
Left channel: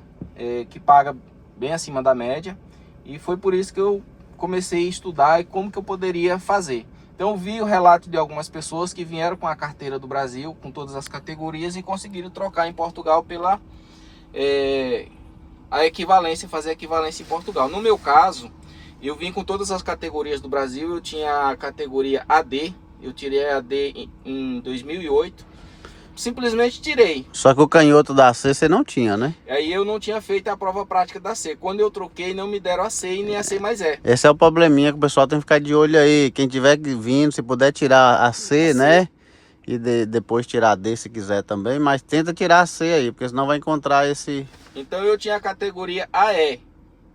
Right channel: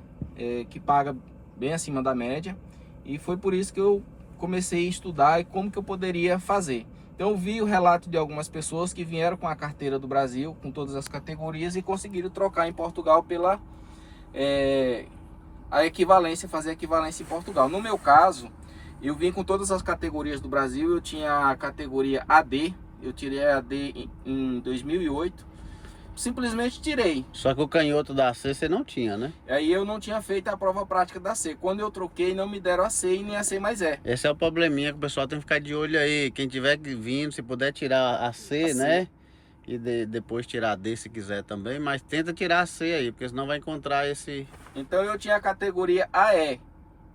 que paga bem acima da média e foi por isso que eu comecei a estudar e como que eu poderia fazer. Então eu vi o relato de algumas pessoas que vieram com a carteira do Brasil, com todas as categorias e conseguiram trocar em Portugal pela a equivalência, fazer a equivalência em Portugal. No meu caso, eu vim com todas as categorias do Brasil, eu tinha a categoria AD, eu tirei a AD em 2008, simplesmente tirei. Só que o canhoto da C você não tinha, né? Aí eu não tinha feito a prova prática da C. Quando eu troquei, não me deram a C e nem a C mais é. Esse é o probleminha que o pessoal tem que ficar de olho aí. Quem tiver vindo, se puder tirar a C, né? E depois tirar a D se quiser também. Mas tenta tirar a C aí, porque senão vai encontrar esse... Então eu tinha a categoria AE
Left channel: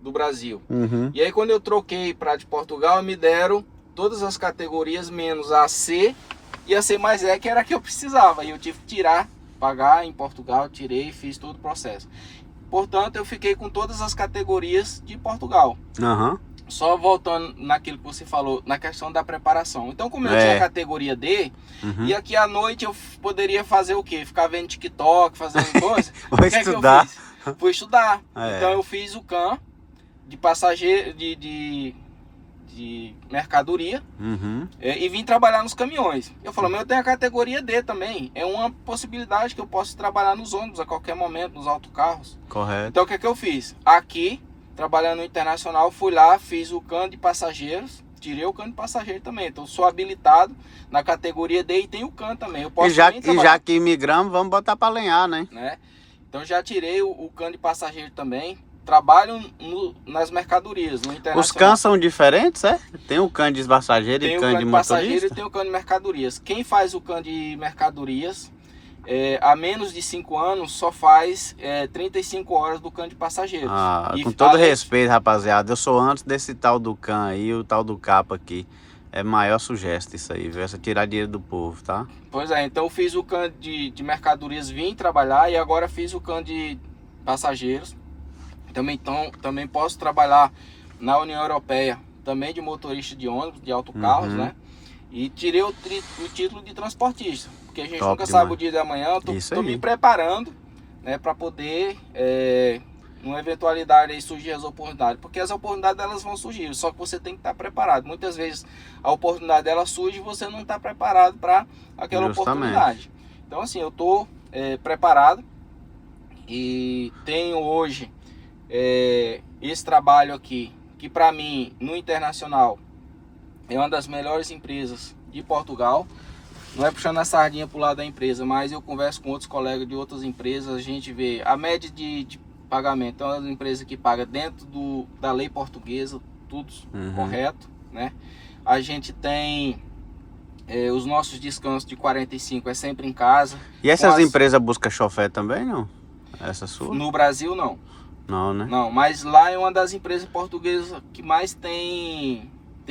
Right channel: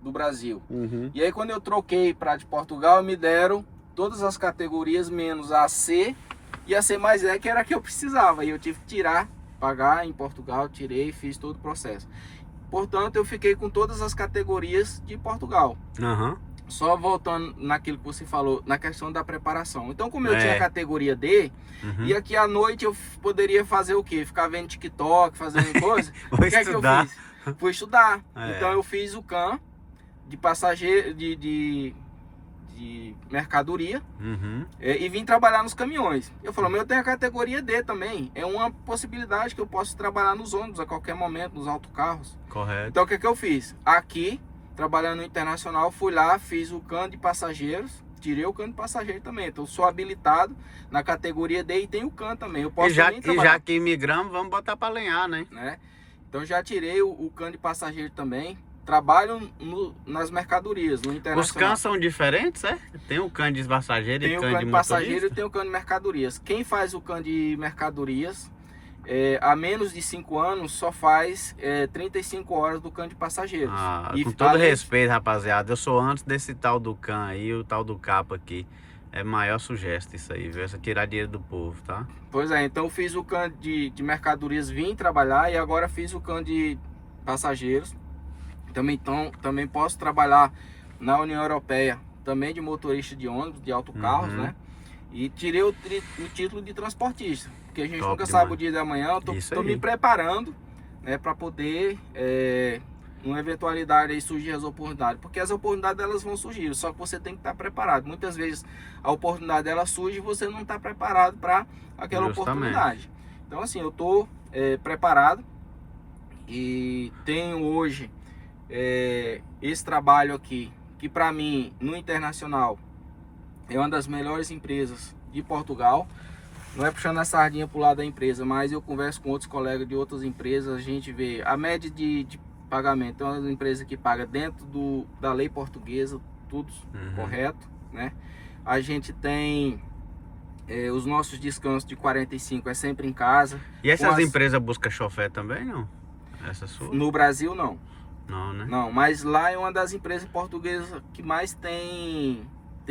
do Brasil. Uhum. E aí quando eu troquei para de Portugal, me deram todas as categorias menos a C e a C mais E, que era a que eu precisava. E eu tive que tirar, pagar em Portugal, tirei, fiz todo o processo. Portanto, eu fiquei com todas as categorias de Portugal. Aham. Só voltando naquilo que você falou, na questão da preparação. Então, como eu tinha a categoria D, Uhum. e aqui à noite eu poderia fazer o quê? Ficar vendo TikTok, fazendo coisa. Vou O que é que eu estudar. fiz? Fui estudar. É. Então eu fiz o CAM de passageiro, de mercadoria, Uhum. e vim trabalhar nos caminhões. Eu falei, mas eu tenho a categoria D também. É uma possibilidade que eu posso trabalhar nos ônibus a qualquer momento, nos autocarros. Correto. Então o que é que eu fiz? Aqui, trabalhando no internacional, fui lá, fiz o CAM de passageiros, tirei o CAM de passageiro também. Então sou habilitado na categoria D e tenho o CAM também. Eu posso E já, também e trabalhar, já que imigramos, vamos botar pra lenhar, né? né? Então já tirei o CAM de passageiro também. Trabalho nas mercadorias, no internacional. Os cães são diferentes, é? Tem o cão de passageiro e Tem o o cão CAN de de passageiro e motorista? tem o CAN de mercadorias. Quem faz o CAN de mercadorias há menos de 5 anos só faz 35 horas do CAN de passageiros. Ah, E com todo além- respeito, rapaziada, eu sou antes desse tal do cão aí, o tal do capa aqui. É maior sugesto isso aí, viu? Essa tirar dinheiro do povo, tá? Pois é, então eu fiz o CAN de mercadorias, vim trabalhar e agora fiz o CAN de passageiros. Também posso trabalhar na União Europeia, também de motorista de ônibus, de autocarros, Uhum. né? E tirei o título de transportista, porque a gente Top nunca demais. sabe o dia da manhã. Isso Tô aí. me preparando, né, para poder, numa eventualidade aí surgir as oportunidades, porque as oportunidades elas vão surgir, só que você tem que estar preparado. Muitas vezes a oportunidade dela surge e você não está preparado para aquela Justamente. oportunidade. Então assim, eu tô preparado e tenho hoje esse trabalho aqui, que para mim no internacional é uma das melhores empresas de Portugal. Não é puxando a sardinha pro lado da empresa, mas eu converso com outros colegas de outras empresas, a gente vê a média de pagamento. É uma empresa que paga dentro da lei portuguesa, tudo correto, né? A gente tem os nossos descansos de 45, é sempre em casa. E essas Com as- empresas buscam chofer também, não? Essa sua? No Brasil não. Não, né? Não, mas lá é uma das empresas portuguesas que mais tem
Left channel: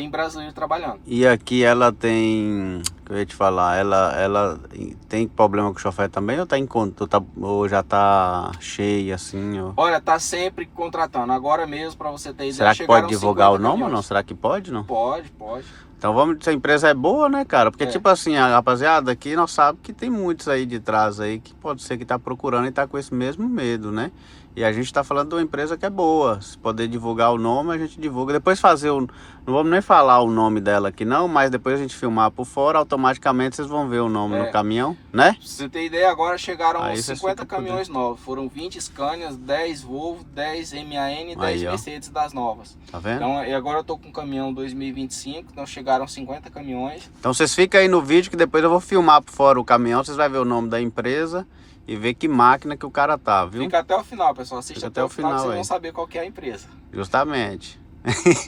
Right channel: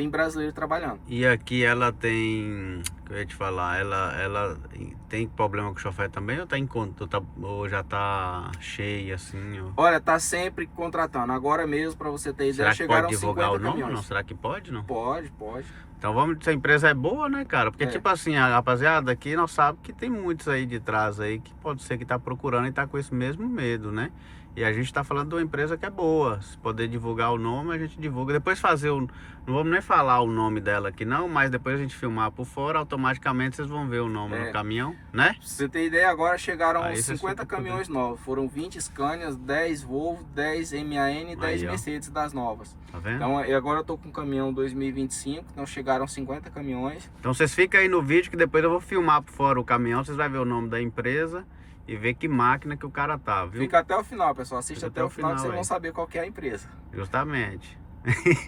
brasileiro trabalhando. E aqui ela tem que eu ia te falar, ela tem problema com o chofer também ou tá em conta? Ou já tá cheia assim? Ou... Olha, tá sempre contratando. Agora mesmo, para você ter ideia, Será que chegaram pode divulgar o 50 nome ou caminhões. não? Será que pode, não? Pode, pode. Então vamos dizer, a empresa é boa, né, cara? Porque tipo assim, a rapaziada aqui nós sabemos que tem muitos aí de trás aí que pode ser que tá procurando e tá com esse mesmo medo, né? E a gente tá falando de uma empresa que é boa. Se poder divulgar o nome, a gente divulga. Depois fazer o... Não vamos nem falar o nome dela aqui não, mas depois a gente filmar por fora, automaticamente vocês vão ver o nome no caminhão, né? Pra você ter ideia, agora chegaram Aí vocês 50 ficam por caminhões novos. Foram 20 Scanias, 10 Volvo, 10 MAN e 10 Aí, ó. Mercedes das novas. Tá vendo? Então, e agora eu tô com um caminhão 2025, então chegaram 50 caminhões. Então vocês ficam aí no vídeo que depois eu vou filmar por fora o caminhão, vocês vão ver o nome da empresa e ver que máquina que o cara tá, viu? Fica até o final, pessoal. Assiste Fica até o final que vocês aí. vão saber qual que é a empresa. Justamente.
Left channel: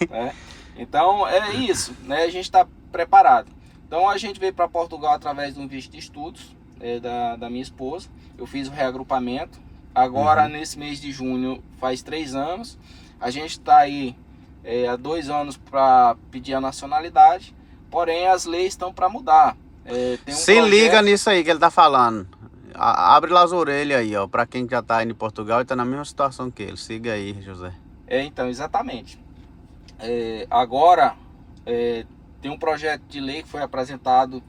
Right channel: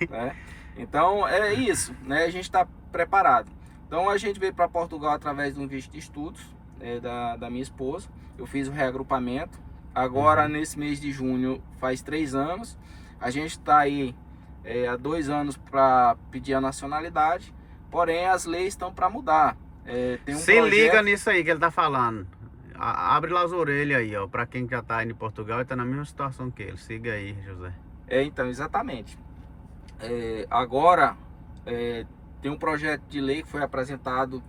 Né? Então é isso, né? A gente está preparado. Então a gente veio para Portugal através de um visto de estudos da minha esposa. Eu fiz o reagrupamento. Agora nesse mês de junho faz 3 anos. A gente está aí há 2 anos para pedir a nacionalidade. Porém as leis estão para mudar. Tem um Se projeto... liga nisso aí que ele tá falando. Abre lá as orelhas aí, ó, pra quem já tá aí em Portugal e tá na mesma situação que ele. Siga aí, José. Então, exatamente. Agora, tem um projeto de lei que foi apresentado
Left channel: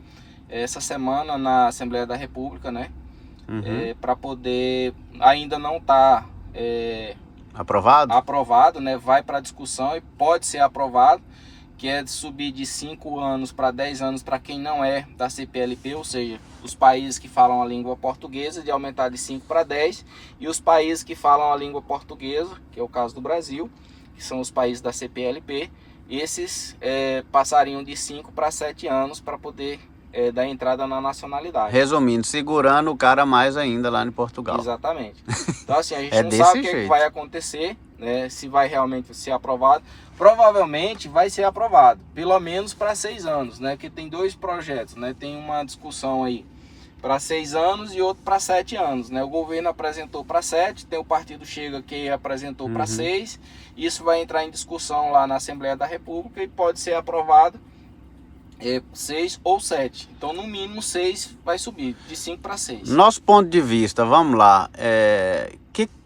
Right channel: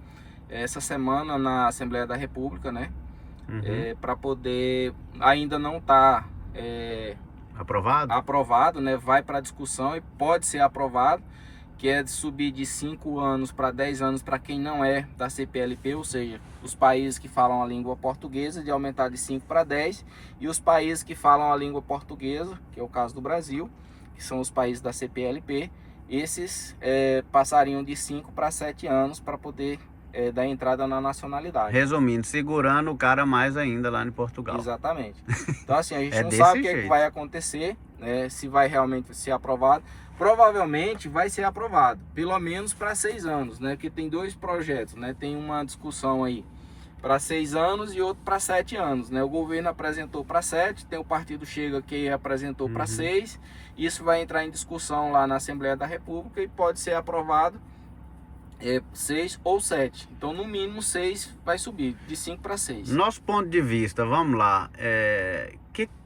essa semana na Assembleia da República, né? Para poder, ainda não tá Aprovado? aprovado, né? Vai para discussão e pode ser aprovado, que é de subir de 5 anos para 10 anos para quem não é da CPLP, ou seja, os países que falam a língua portuguesa, de aumentar de 5 para 10, e os países que falam a língua portuguesa, que é o caso do Brasil, que são os países da CPLP, esses passariam de 5 para 7 anos para poder dar entrada na nacionalidade. Resumindo, segurando o cara mais ainda lá em Portugal. Exatamente. Então assim, a gente É não desse sabe o que jeito. vai acontecer, né, se vai realmente ser aprovado. Provavelmente vai ser aprovado, pelo menos para 6 anos, né? Que tem 2 projetos, né? Tem uma discussão aí para 6 anos e outro para 7 anos, né? O governo apresentou para 7, tem o partido Chega que apresentou para 6. Isso vai entrar em discussão lá na Assembleia da República e pode ser aprovado 6 ou 7. Então no mínimo 6 vai subir, de 5 para 6. Nosso ponto de vista, vamos lá.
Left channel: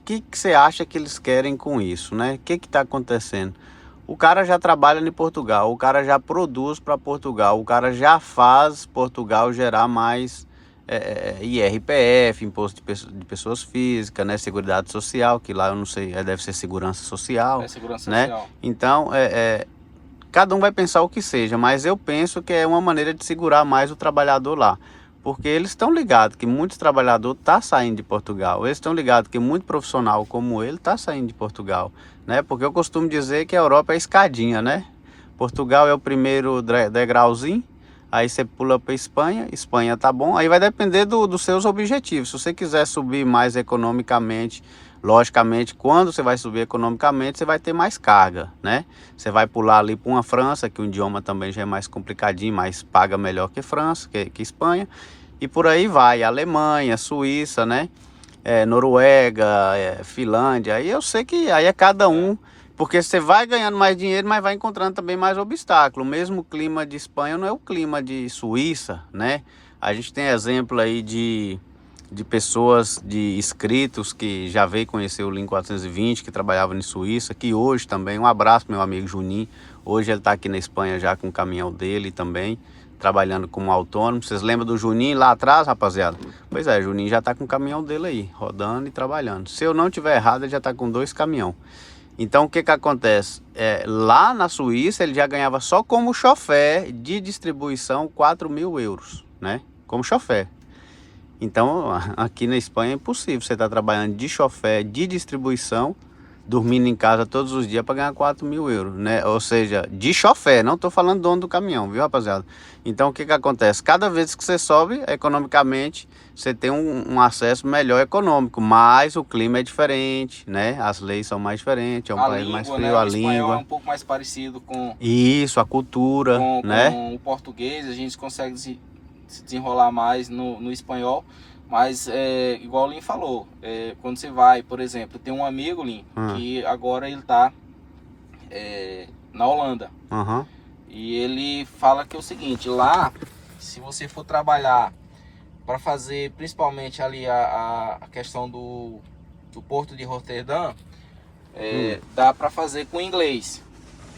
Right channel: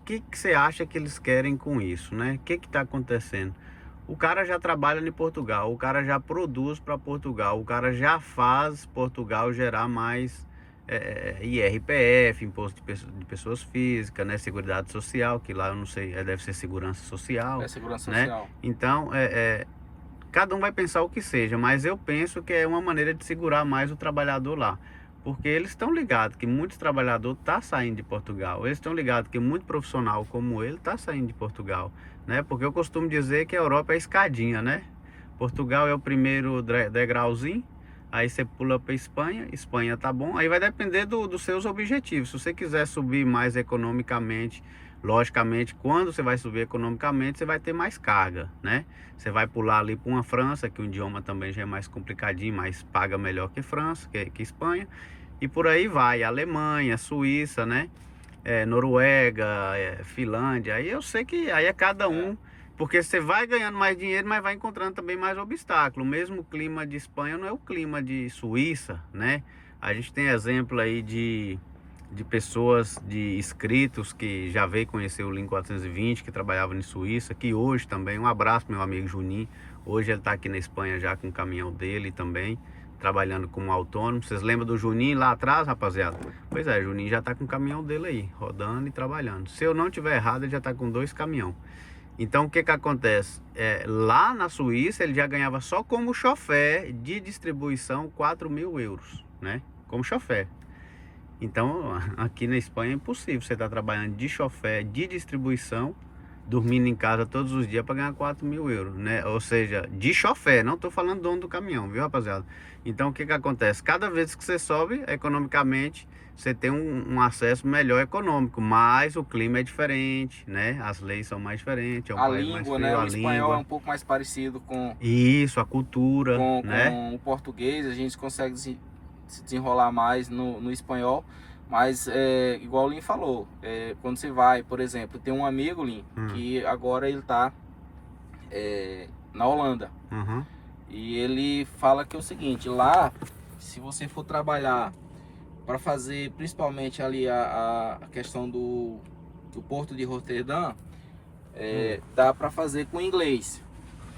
Que você acha que eles querem com isso, né? O que está acontecendo? O cara já trabalha em Portugal, o cara já produz para Portugal, o cara já faz Portugal gerar mais IRPF, Imposto de Pessoas Físicas, né? Seguridade Social, que lá eu não sei, deve ser Segurança Social. Segurança né? Social. Então, cada um vai pensar o que seja, mas eu penso que é uma maneira de segurar mais o trabalhador lá. Porque eles estão ligados que muitos trabalhadores estão saindo de Portugal. Eles estão ligados que muito profissional como ele está saindo de Portugal, né? Porque eu costumo dizer que a Europa é escadinha, né? Portugal é o primeiro degrauzinho, aí você pula para Espanha, Espanha tá bom, aí vai depender dos seus objetivos. Se você quiser subir mais economicamente, logicamente, quando você vai subir economicamente, você vai ter mais carga, né? Você vai pular ali para uma França, que o idioma também já é mais complicadinho, mas paga melhor que França, que Espanha. E por aí vai, Alemanha, Suíça, né? Noruega, Finlândia. Aí eu sei que aí é cada um, porque você vai ganhando mais dinheiro, mas vai encontrando também mais obstáculos. O mesmo clima de Espanha não é o clima de Suíça, né? A gente tem exemplo aí de pessoas, de inscritos que já veio conhecer o Link 420, que trabalhava em Suíça, que hoje também, um abraço meu amigo Juninho, hoje ele está aqui na Espanha já com o caminhão dele também, trabalhando como autônomo. Vocês lembram do Juninho lá atrás, rapaziada? Pois é, Juninho já está com o caminhão dele aí, rodando e trabalhando. Se eu não tiver errado, ele já está com 2 caminhões. Então o que acontece? Lá na Suíça ele já ganhava só como chofer de distribuição 4.000 euros, né? Como chofer. Então, aqui na Espanha é impossível você estar trabalhando de chofer, de distribuição, dormindo em casa todos os dias para ganhar 4.000 euros, né? Ou seja, de chofer, não estou falando dono do caminhão, viu, rapaziada? Então, o que acontece? Cada vez que você sobe, economicamente, você tem um acesso melhor econômico, mas o clima é diferente, né? As leis são mais diferentes, é um país mais frio, né? a O espanhol língua. é um pouco mais parecido com Isso, a cultura, né? com o português, a gente consegue se desenrolar mais no espanhol, mas igual o Lin falou, quando você vai, por exemplo, tem um amigo, Lin, que agora ele tá na Holanda, e ele fala que é o seguinte, lá se você for trabalhar para fazer principalmente ali a questão do porto de Roterdã, dá para fazer com inglês,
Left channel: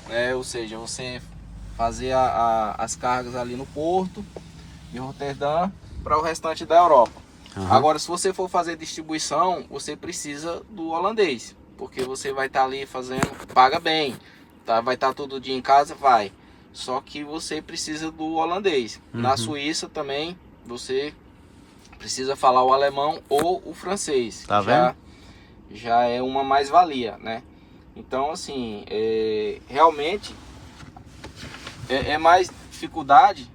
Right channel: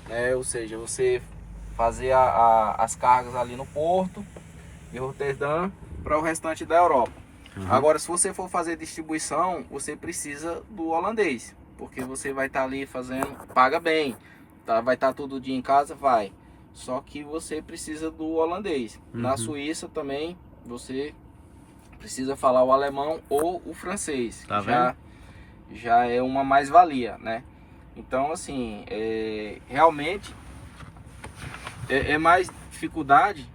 né? Ou seja, você fazer as cargas ali no porto de Roterdã para o restante da Europa. Agora, se você for fazer distribuição, você precisa do holandês, porque você vai estar ali fazendo, paga bem, tá? Vai estar todo dia em casa, vai. Só que você precisa do holandês. Na Suíça também você precisa falar o alemão ou o francês. Tá vendo? Já é uma mais-valia, né? Então, assim, realmente é mais dificuldade,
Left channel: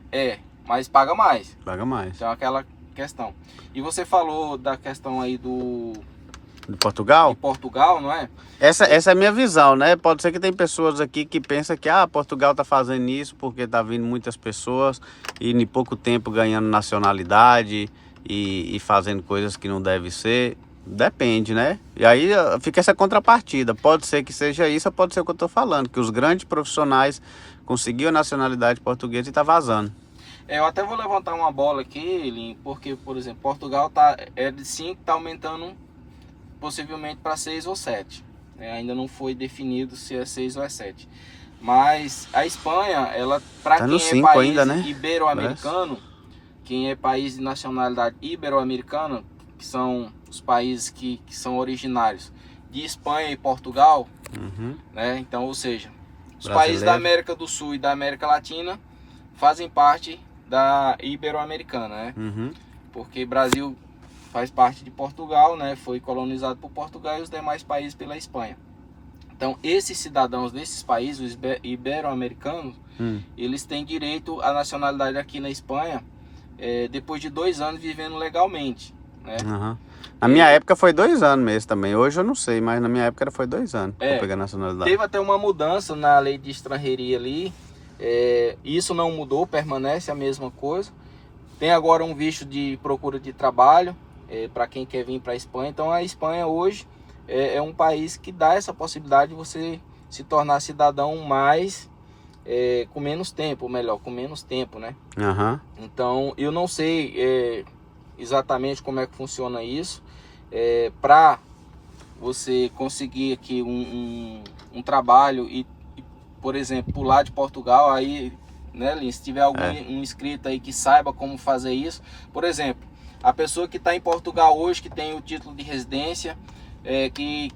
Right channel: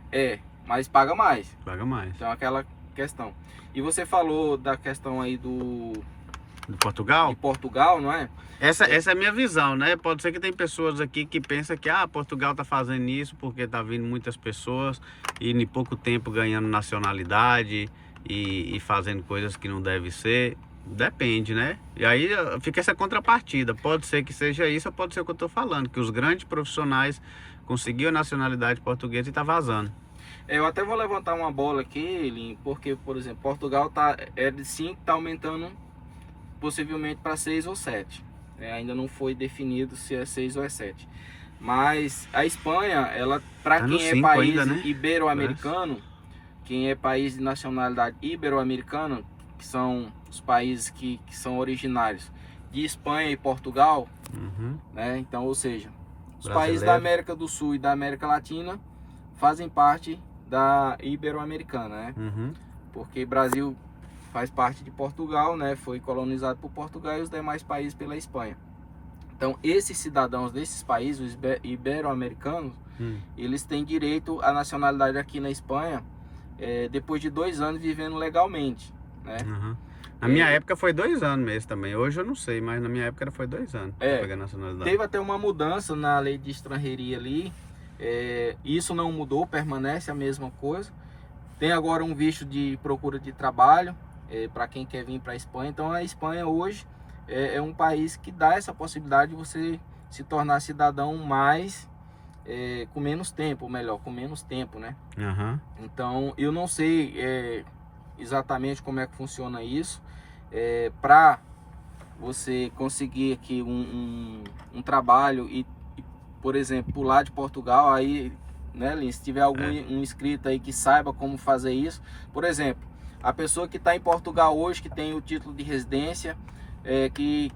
mas paga mais. Paga mais. Então, aquela questão. E você falou da questão aí De Portugal? de Portugal, não é? Essa é a minha visão, né? Pode ser que tem pessoas aqui que pensam que Portugal tá fazendo isso porque tá vindo muitas pessoas e em pouco tempo ganhando nacionalidade e fazendo coisas que não deve ser. Depende, né? E aí fica essa contrapartida. Pode ser que seja isso, ou pode ser o que eu tô falando, que os grandes profissionais conseguiram a nacionalidade portuguesa e tá vazando. Eu até vou levantar uma bola aqui, Lin, porque, por exemplo, Portugal é de 5, tá aumentando possivelmente para 6 ou 7. Ainda não foi definido se é 6 ou é 7. Mas a Espanha, ela, para Tá no quem é 5 país ainda, né? ibero-americano, quem é país de nacionalidade ibero-americana, que são os países que são originários de Espanha e Portugal, né? Então, ou seja, os países da América do Sul e da América Latina fazem parte da ibero-americana, né? Porque Brasil faz parte de Portugal, né? Foi colonizado por Portugal e os demais países pela Espanha. Então, esses cidadãos desses países, os ibero-americanos, eles têm direito à nacionalidade aqui na Espanha depois de 2 anos vivendo legalmente, né? Na minha época foi 2 anos mesmo também. Hoje eu não sei, mas na minha época foi 2 anos para pegar a nacionalidade. Teve até uma mudança na lei de estrangeria ali. Isso não mudou, permanece a mesma coisa. Tem agora um visto de procura de trabalho para quem quer vir para a Espanha. Então a Espanha hoje é um país que dá essa possibilidade de você se tornar cidadão com menos tempo, ou melhor, com menos tempo, né? Então eu não sei exatamente como é que funciona isso. Para você conseguir aqui um trabalho e, por exemplo, pular de Portugal, aí, né, Lin, se tiver algum inscrito aí que saiba como fazer isso, por exemplo, a pessoa que está em Portugal hoje, que tem o título de residência, que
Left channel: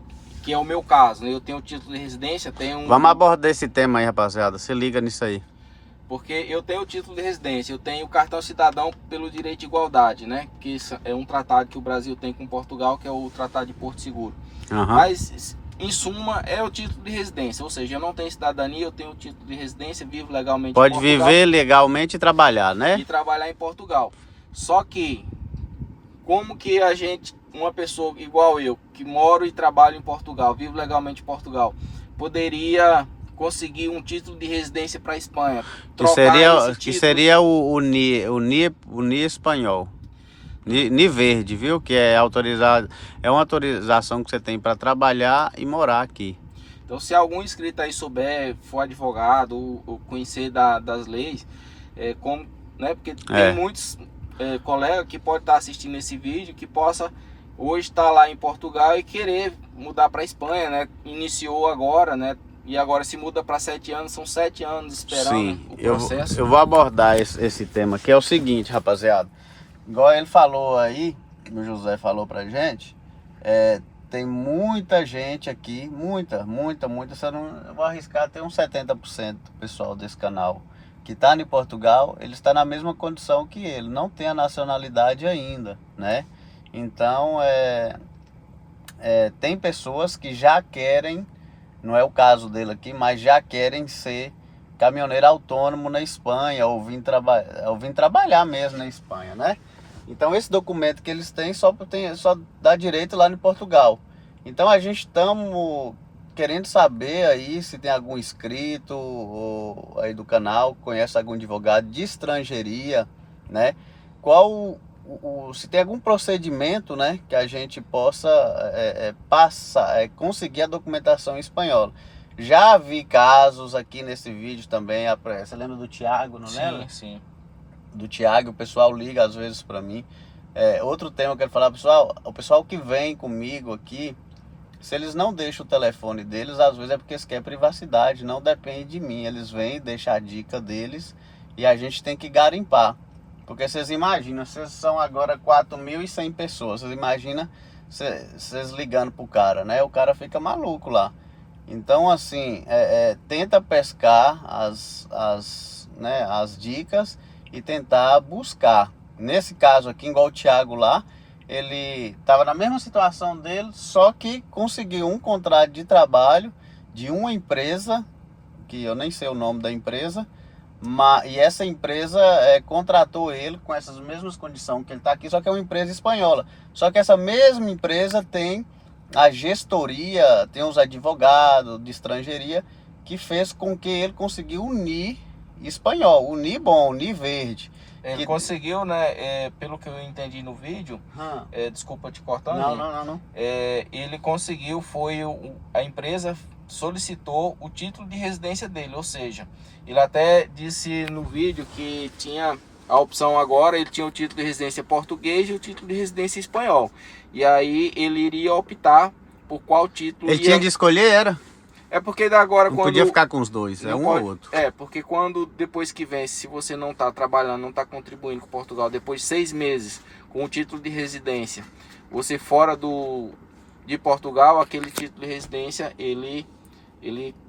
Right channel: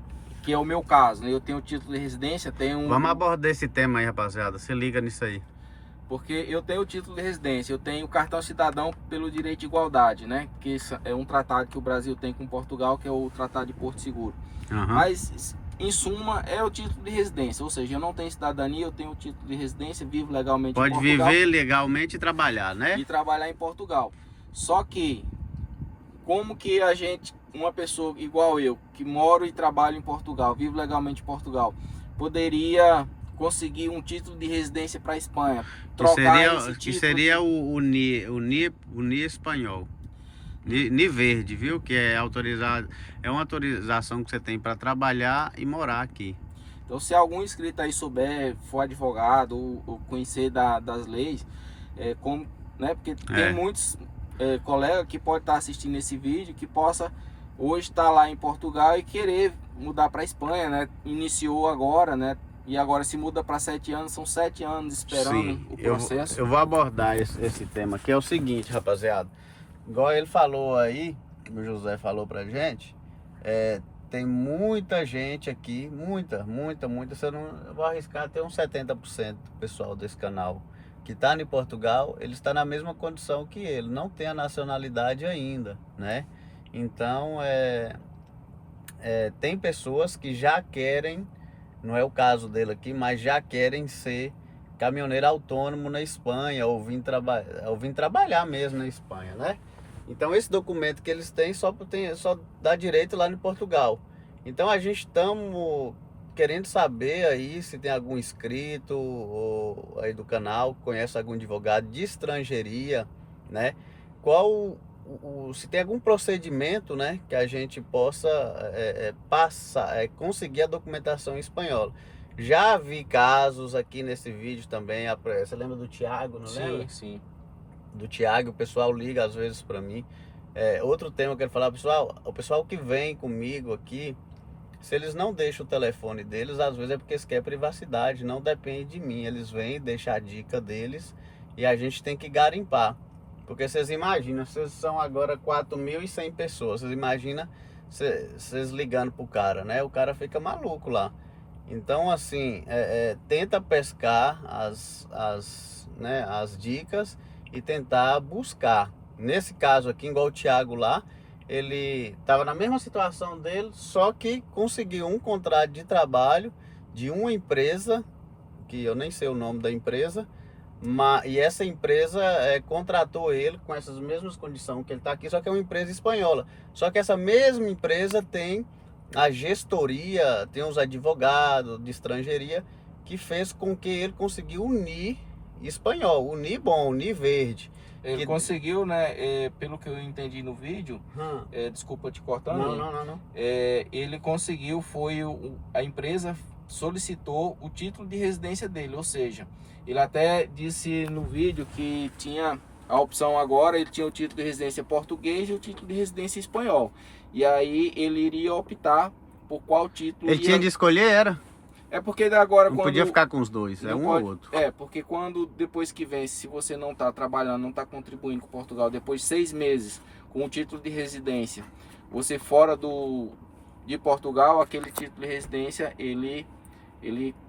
é o meu caso, né? Eu tenho o título de residência, Vamos abordar esse tema aí, rapaziada, se liga nisso aí. Porque eu tenho o título de residência, eu tenho o cartão cidadão pelo direito de igualdade, né? Que é um tratado que o Brasil tem com Portugal, que é o Tratado de Porto Seguro. Mas, em suma, é o título de residência, ou seja, eu não tenho cidadania, eu tenho o título de residência, vivo legalmente em Portugal. Pode viver legalmente e trabalhar, né? E trabalhar em Portugal. Só que, como que uma pessoa igual eu, que moro e trabalho em Portugal, vivo legalmente em Portugal, poderia conseguir um título de residência para a Espanha? Que seria o NIE espanhol. NIE verde, viu? Que é autorizado, é uma autorização que você tem para trabalhar e morar aqui. Então, se algum inscrito aí souber, for advogado ou conhecer das leis, né? Porque tem muitos colegas que podem estar assistindo esse vídeo que possa hoje estar lá em Portugal e querer mudar para a Espanha, né? Iniciou agora, né? E agora se muda para 7 anos, são 7 anos esperando o processo. Eu vou abordar esse tema, que é o seguinte, rapaziada. Igual ele falou aí, o José falou pra gente, tem muita gente aqui, muita, eu vou arriscar até uns 70% do pessoal desse canal que tá em Portugal, ele está na mesma condição que ele, não tem a nacionalidade ainda, né? Então, tem pessoas que já querem, não é o caso dele aqui, mas já querem ser caminhoneiro autônomo na Espanha, ou vir trabalhar mesmo na Espanha, né? Então esse documento que eles têm só dá direito lá em Portugal. Então a gente estamos querendo saber aí se tem algum inscrito ou aí do canal, conhece algum advogado de estrangeiria, né? Se tem algum procedimento, né, que a gente possa conseguir a documentação em espanhol. Já vi casos aqui nesse vídeo também, você lembra do Thiago, não lembra? Sim. do Thiago, o pessoal liga às vezes para mim. Outro tema que eu quero falar, pessoal, o pessoal que vem comigo aqui, se eles não deixam o telefone deles, às vezes é porque eles querem privacidade, não depende de mim. Eles vêm, deixam a dica deles e a gente tem que garimpar. Porque vocês imaginam, vocês são agora 4.100 pessoas, vocês imaginam vocês ligando pro cara, né? O cara fica maluco lá. Então assim, tenta pescar as dicas e tentar buscar. Nesse caso aqui, igual o Thiago lá, ele estava na mesma situação dele, só que conseguiu um contrato de trabalho de uma empresa, que eu nem sei o nome da empresa, e essa empresa contratou ele com essas mesmas condições que ele está aqui, só que é uma empresa espanhola. Só que essa mesma empresa tem a gestoria, tem os advogados de estrangeiria, que fez com que ele conseguiu unir espanhol, unir bom, unir verde. Ele conseguiu, né? Pelo que eu entendi no vídeo, desculpa te cortar. Não. Ele conseguiu, a empresa solicitou o título de residência dele, ou seja, ele até disse no vídeo que tinha a opção agora, ele tinha o título de residência português e o título de residência espanhol. E aí ele iria optar por qual título ele tinha de escolher, era? É porque agora não quando... podia ficar com os dois, um ou outro. Porque quando depois que vence, se você não está trabalhando, não está contribuindo com Portugal, depois de 6 meses com o título de residência, você fora de Portugal, aquele título de residência, ele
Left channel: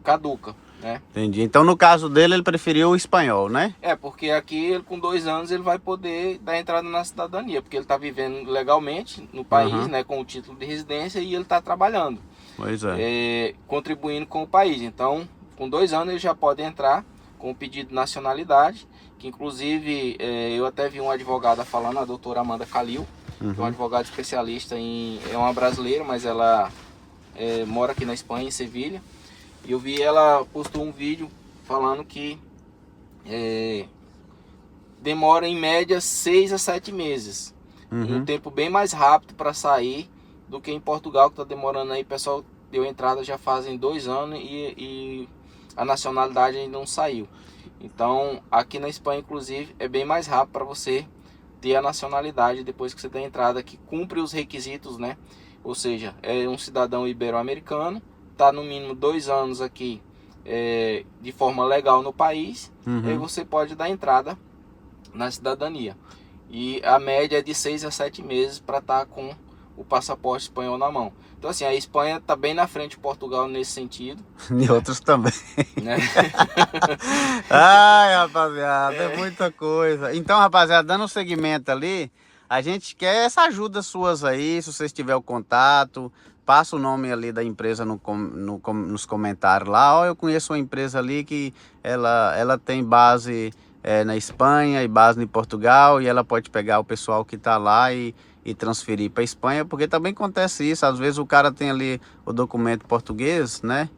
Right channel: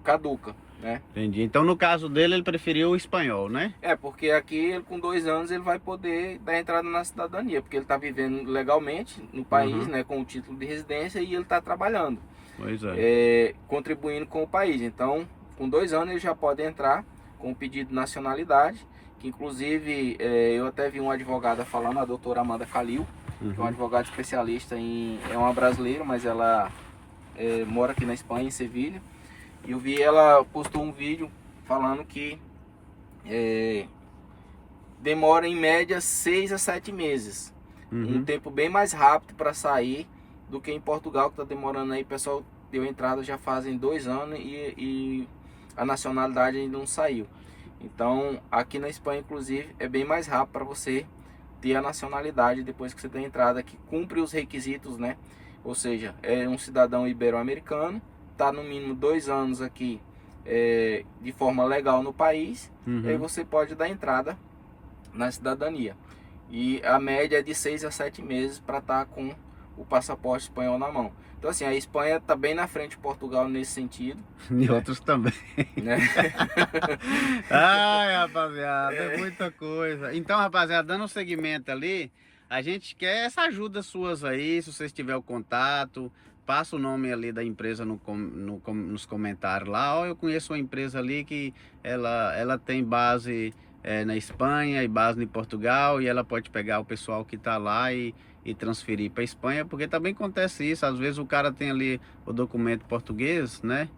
caduca, né? Entendi. Então no caso dele, ele preferiu o espanhol, né? Porque aqui, ele, com 2 anos, ele vai poder dar entrada na cidadania, porque ele está vivendo legalmente no país, né, com o título de residência, e ele está trabalhando. Pois é. Contribuindo com o país. Então, com 2 anos ele já pode entrar com o pedido de nacionalidade, que inclusive eu até vi uma advogada falando, a doutora Amanda Calil, que é uma advogada especialista é uma brasileira, mas ela mora aqui na Espanha, em Sevilha, e eu vi ela postou um vídeo falando que demora em média 6 a 7 meses, um tempo bem mais rápido para sair do que em Portugal, que está demorando aí. O pessoal deu entrada já fazem 2 anos e a nacionalidade ainda não saiu. Então aqui na Espanha, inclusive, é bem mais rápido para você ter a nacionalidade depois que você der entrada, que cumpre os requisitos, né? Ou seja, é um cidadão ibero-americano, está no mínimo 2 anos aqui de forma legal no país, e aí você pode dar entrada na cidadania. E a média é de 6 a 7 meses para estar com o passaporte espanhol na mão. Então assim, a Espanha está bem na frente de Portugal nesse sentido. E outros também. Né? Ai, rapaziada, é muita coisa. Então, rapaziada, dando um segmento ali, a gente quer essa ajuda suas aí, se vocês tiverem o contato, passa o nome ali da empresa nos comentários lá. Ó, eu conheço uma empresa ali que ela tem base na Espanha e base em Portugal, e ela pode pegar o pessoal que está lá e transferir para Espanha, porque também acontece isso, às vezes o cara tem ali o documento português, né,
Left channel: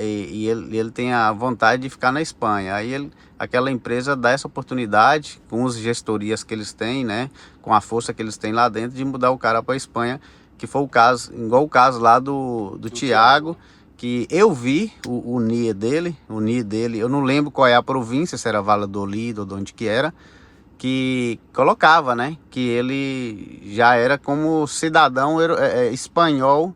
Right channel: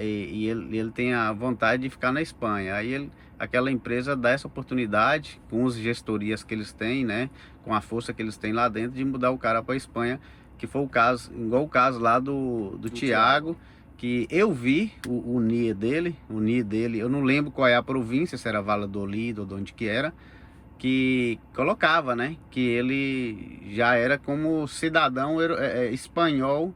e ele tem a vontade de ficar na Espanha, aí aquela empresa dá essa oportunidade, com as gestorias que eles têm, né, com a força que eles têm lá dentro, de mudar o cara para Espanha, que foi o caso, igual o caso lá do Thiago, que eu vi o NIE dele, eu não lembro qual é a província, se era Valladolid ou de onde que era, que colocava, né, que ele já era como cidadão espanhol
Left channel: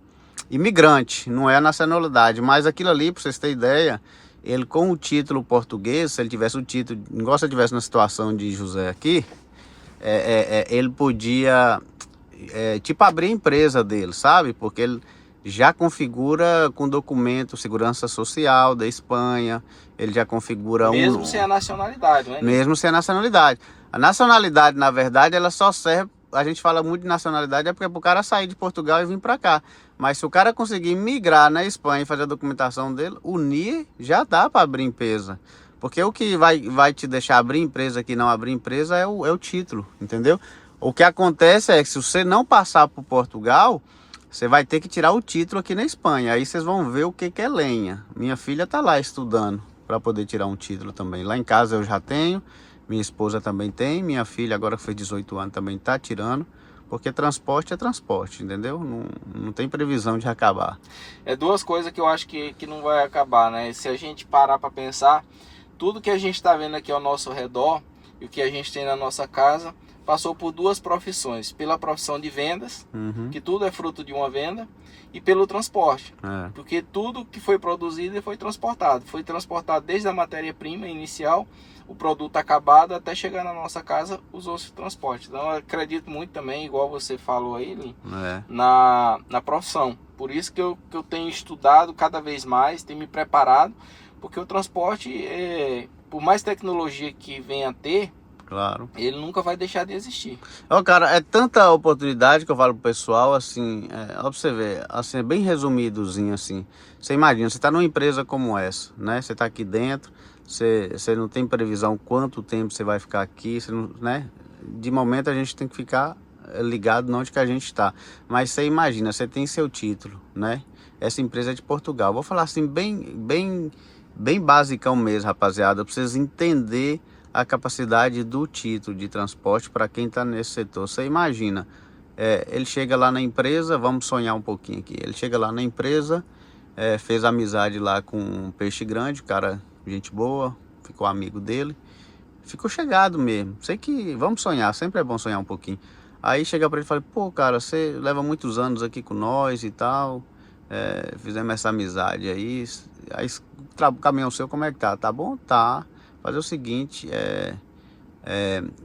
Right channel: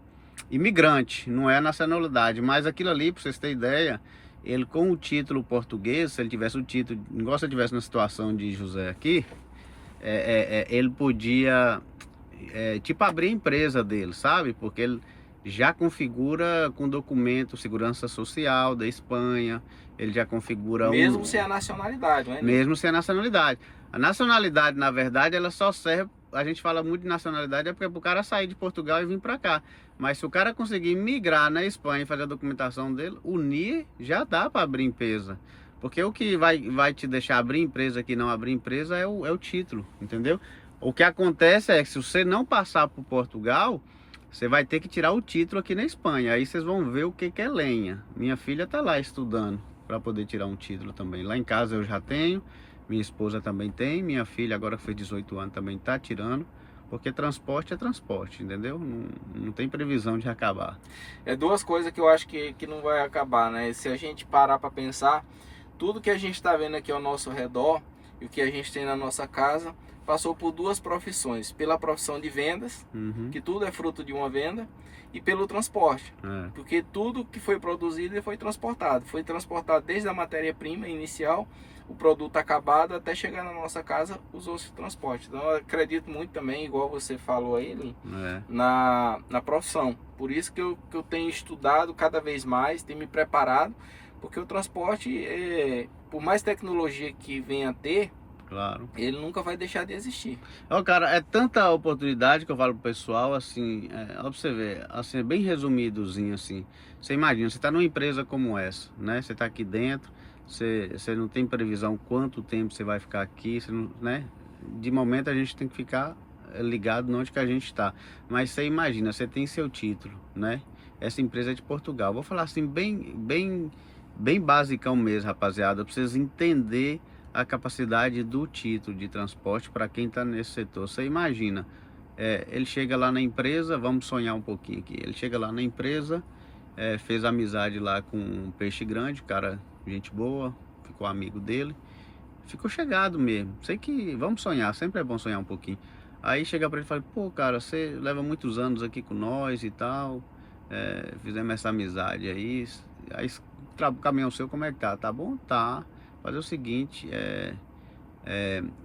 imigrante, não é a nacionalidade, mas aquilo ali, para vocês terem ideia, ele com o título português, se ele tivesse o título, igual se ele tivesse na situação de José aqui, ele podia, tipo, abrir a empresa dele, sabe, porque ele já configura com documento segurança social da Espanha, ele já configura mesmo sem a nacionalidade, né? Mesmo sem a nacionalidade. A nacionalidade, na verdade, ela só serve, a gente fala muito de nacionalidade, porque é para o cara sair de Portugal e vir para cá. Mas se o cara conseguir migrar na Espanha e fazer a documentação dele, o NIE já dá para abrir empresa. Porque o que vai te deixar abrir empresa aqui, não abrir empresa, é o título, entendeu? O que acontece é que se você não passar por Portugal, você vai ter que tirar o título aqui na Espanha. Aí vocês vão ver o que é lenha. Minha filha tá lá estudando para poder tirar um título também. Lá em casa eu já tenho, minha esposa também tem, minha filha agora que fez 18 anos também tá tirando, porque transporte é transporte, entendeu? Não tem previsão de acabar. É 2 coisas que eu acho que não vai acabar, né? Se a gente parar para pensar, tudo que a gente está vendo aqui ao nosso redor e o que a gente tem na nossa casa, passou por duas profissões. Pela profissão de vendas, que tudo é fruto de uma venda, e pelo transporte. Porque tudo que foi produzido foi transportado. Foi transportado desde a matéria-prima inicial, o produto acabado, até chegar na nossa casa, usou-se transporte. Então eu acredito muito também, igual você falou aí, Lin, na profissão. Por isso que eu tenho estudado cada vez mais, tenho me preparado, porque o transporte, por mais tecnologia que venha a ter, claro, ele nunca vai deixar de existir. Ó, cara, é tanta oportunidade que eu falo pro pessoal, assim, ó, pra você ver, assim, é bem resumidozinho, assim. Você imagina, você tá numa empresa como essa, né? Você tá aqui dentro, você não tem previsão quanto tempo você vai ficar aqui, você não, né? De momento a gente tem que ficar ligado onde que a gente está. Mas você imagina, você tem seu título, né? Essa empresa é de Portugal. Vou falar assim, bem basicão mesmo, rapaziada, pra vocês entenderem a capacidade do título de transporte para quem está nesse setor. Você imagina, ele chega lá na empresa, vamos sonhar um pouquinho aqui, ele chega lá na empresa, fez amizade lá com um peixe grande, cara, gente boa, ficou amigo dele, ficou chegado mesmo. Sei que, vamos sonhar, sempre é bom sonhar um pouquinho. Aí chega para ele e fala, pô, cara, você leva muitos anos aqui com nós e tal, fizemos essa amizade aí o caminhão seu como é que tá? Tá bom? Tá. Fazer o seguinte,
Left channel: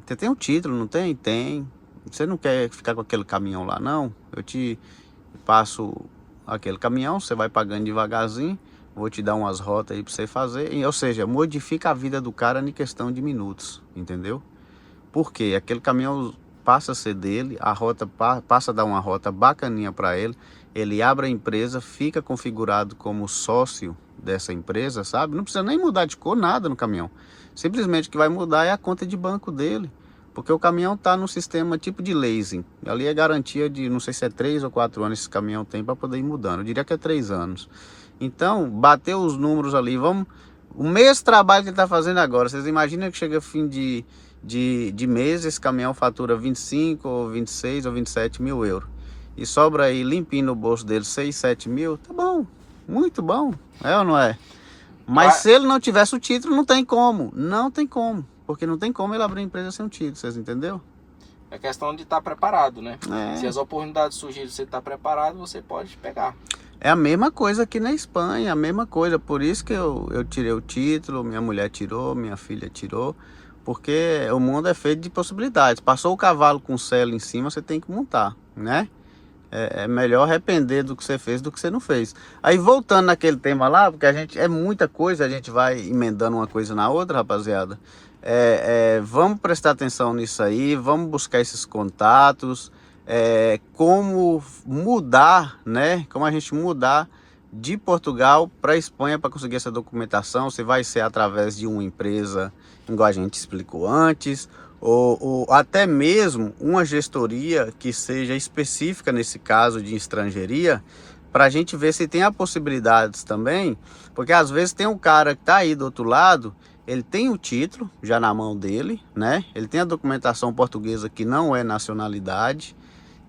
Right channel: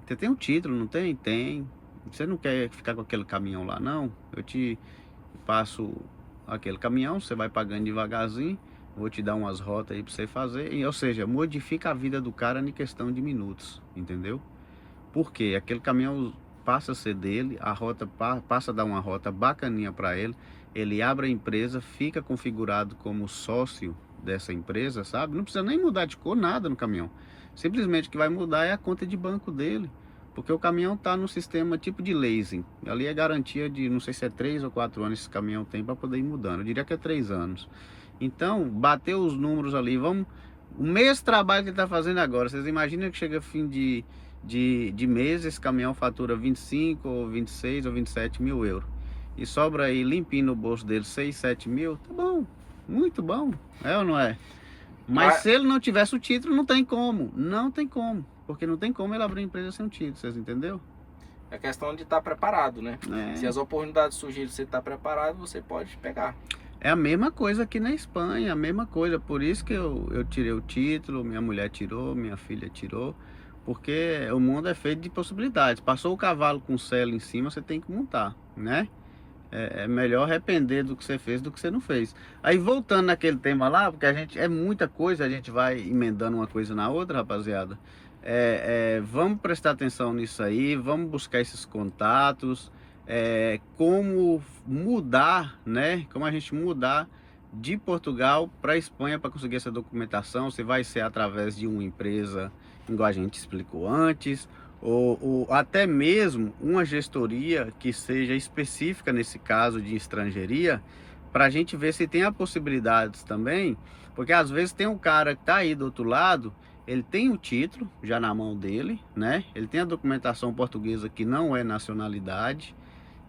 você tem um título, não tem? Tem. Você não quer ficar com aquele caminhão lá, não? Eu te passo aquele caminhão, você vai pagando devagarzinho, vou te dar umas rotas aí para você fazer. Ou seja, modifica a vida do cara em questão de minutos, entendeu? Porque aquele caminhão passa a ser dele, a rota passa a dar uma rota bacaninha para ele, ele abre a empresa, fica configurado como sócio dessa empresa, sabe? Não precisa nem mudar de cor, nada no caminhão. Simplesmente o que vai mudar é a conta de banco dele, porque o caminhão está no sistema tipo de leasing. Ali é garantia de, não sei se é 3 ou 4 anos esse caminhão tem para poder ir mudando. Eu diria que é 3 anos. Então, bateu os números ali, vamos... O mesmo trabalho que ele está fazendo agora, vocês imaginam que chega fim de mês, esse caminhão fatura 25 ou 26 ou 27 mil euros. E sobra aí limpinho no bolso dele 6, 7 mil, tá bom, muito bom, é ou não é? Mas se ele não tivesse o título, não tem como, porque não tem como ele abrir empresa sem um título, vocês entenderam? É questão de estar preparado, né? Se as oportunidades surgirem, você está preparado, você pode pegar. É a mesma coisa aqui na Espanha, a mesma coisa, por isso que eu tirei o título, minha mulher tirou, minha filha tirou, porque o mundo é feito de possibilidades. Passou o cavalo com o selo em cima, você tem que montar, né? É melhor arrepender do que você fez do que você não fez. Aí voltando naquele tema lá, porque é muita coisa, a gente vai emendando uma coisa na outra, rapaziada. Vamos prestar atenção nisso aí, vamos buscar esses contatos, como mudar, né? Como a gente mudar de Portugal para a Espanha para conseguir essa documentação. Se vai ser através de uma empresa, igual a gente explicou antes, ou até mesmo uma gestoria que seja específica nesse caso de estrangeria, para a gente ver se tem a possibilidades também, porque às vezes tem um cara que está aí do outro lado, ele tem o título já na mão dele, né? Ele tem a documentação portuguesa que não é nacionalidade,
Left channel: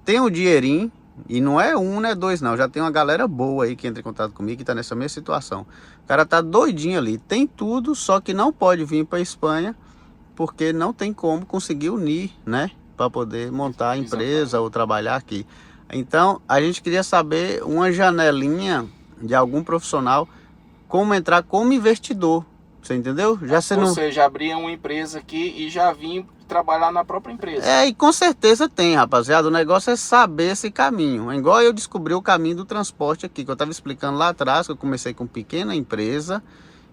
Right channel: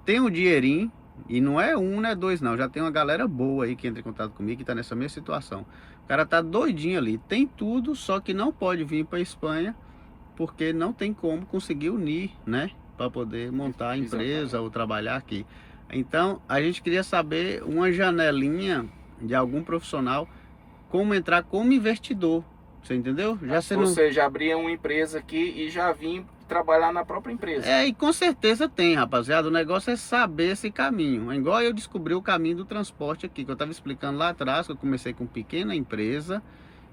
tem o dinheirinho, e não é um, não é dois não, já tem uma galera boa aí que entra em contato comigo que está nessa mesma situação. O cara tá doidinho ali, tem tudo, só que não pode vir para a Espanha, porque não tem como conseguir unir, né? Para poder montar a empresa ou trabalhar aqui. Então, a gente queria saber uma janelinha de algum profissional, como entrar como investidor. Você entendeu? Ou seja, abrir uma empresa aqui e já vir trabalhar na própria empresa. E com certeza tem, rapaziada. O negócio é saber esse caminho. É igual eu descobri o caminho do transporte aqui, que eu estava explicando lá atrás, que eu comecei com pequena empresa,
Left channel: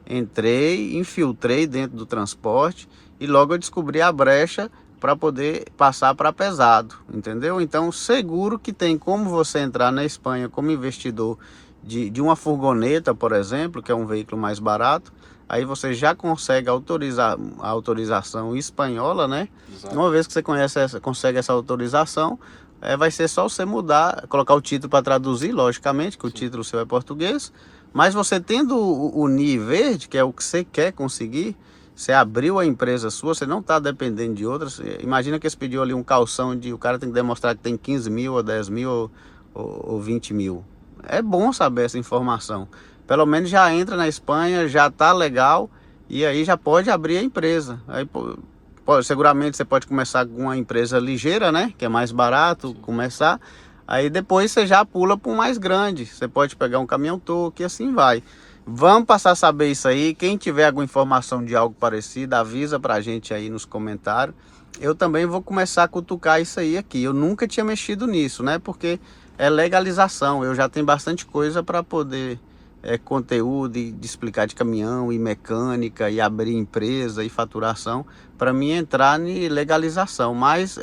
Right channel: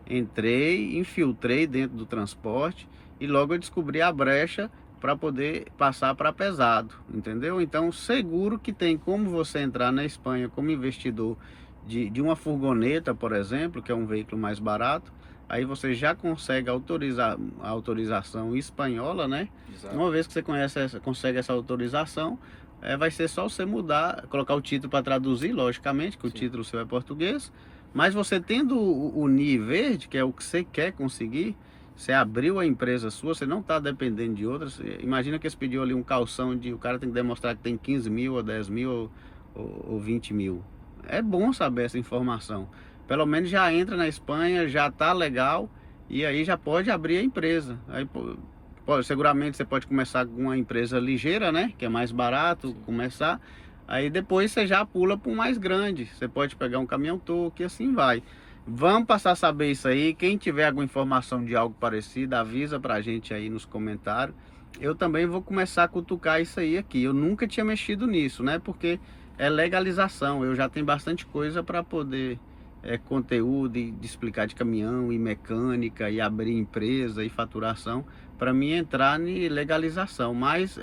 entrei, infiltrei dentro do transporte e logo eu descobri a brecha para poder passar para pesado, entendeu? Então, seguro que tem como você entrar na Espanha como investidor de uma furgoneta, por exemplo, que é um veículo mais barato. Aí você já consegue a autorização espanhola, né? Exato. Uma vez que você consegue essa autorização, vai ser só você mudar, colocar o título para traduzir, logicamente, que o título seu é português. Mas você tendo o NIE verde, que é o que você quer conseguir, você abriu a empresa sua, você não está dependendo de outras. Imagina que você pediu ali um calção o cara tem que demonstrar que tem 15 mil, ou 10 mil, ou 20 mil. É bom saber essa informação. Pelo menos já entra na Espanha, já tá legal, e aí já pode abrir a empresa. Aí, pô, seguramente você pode começar com uma empresa ligeira, né? Que é mais barato começar. Aí depois você já pula para um mais grande. Você pode pegar um caminhão-toque e assim vai. Vamos passar a saber isso aí. Quem tiver alguma informação de algo parecido, avisa pra gente aí nos comentários. Eu também vou começar a cutucar isso aí aqui. Eu nunca tinha mexido nisso, né? Porque é legalização. Eu já tenho bastante coisa para poder conteúdo de explicar de caminhão e mecânica e abrir empresa e faturação para mim entrar em legalização. Mas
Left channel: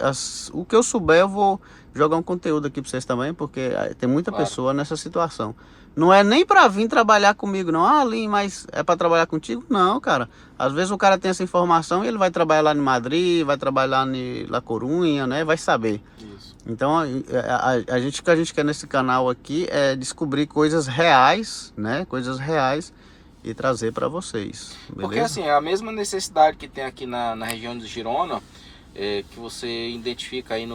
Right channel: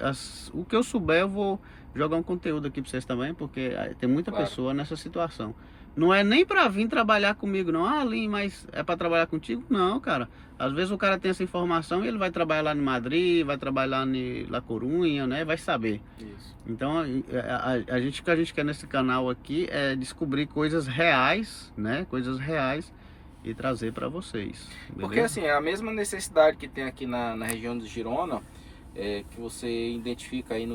o que eu souber eu vou jogar um conteúdo aqui para vocês também, porque tem muita pessoa nessa situação. Não é nem para vir trabalhar comigo, não. Ah, Lin, mas é para trabalhar contigo? Não, cara. Às vezes o cara tem essa informação e ele vai trabalhar lá em Madrid, vai trabalhar em La Corunha, né? Vai saber. Isso. Então, o que a gente quer nesse canal aqui é descobrir coisas reais, né? Coisas reais e trazer para vocês. Beleza? Porque assim, a mesma necessidade que tem aqui na região de Girona, que você identifica aí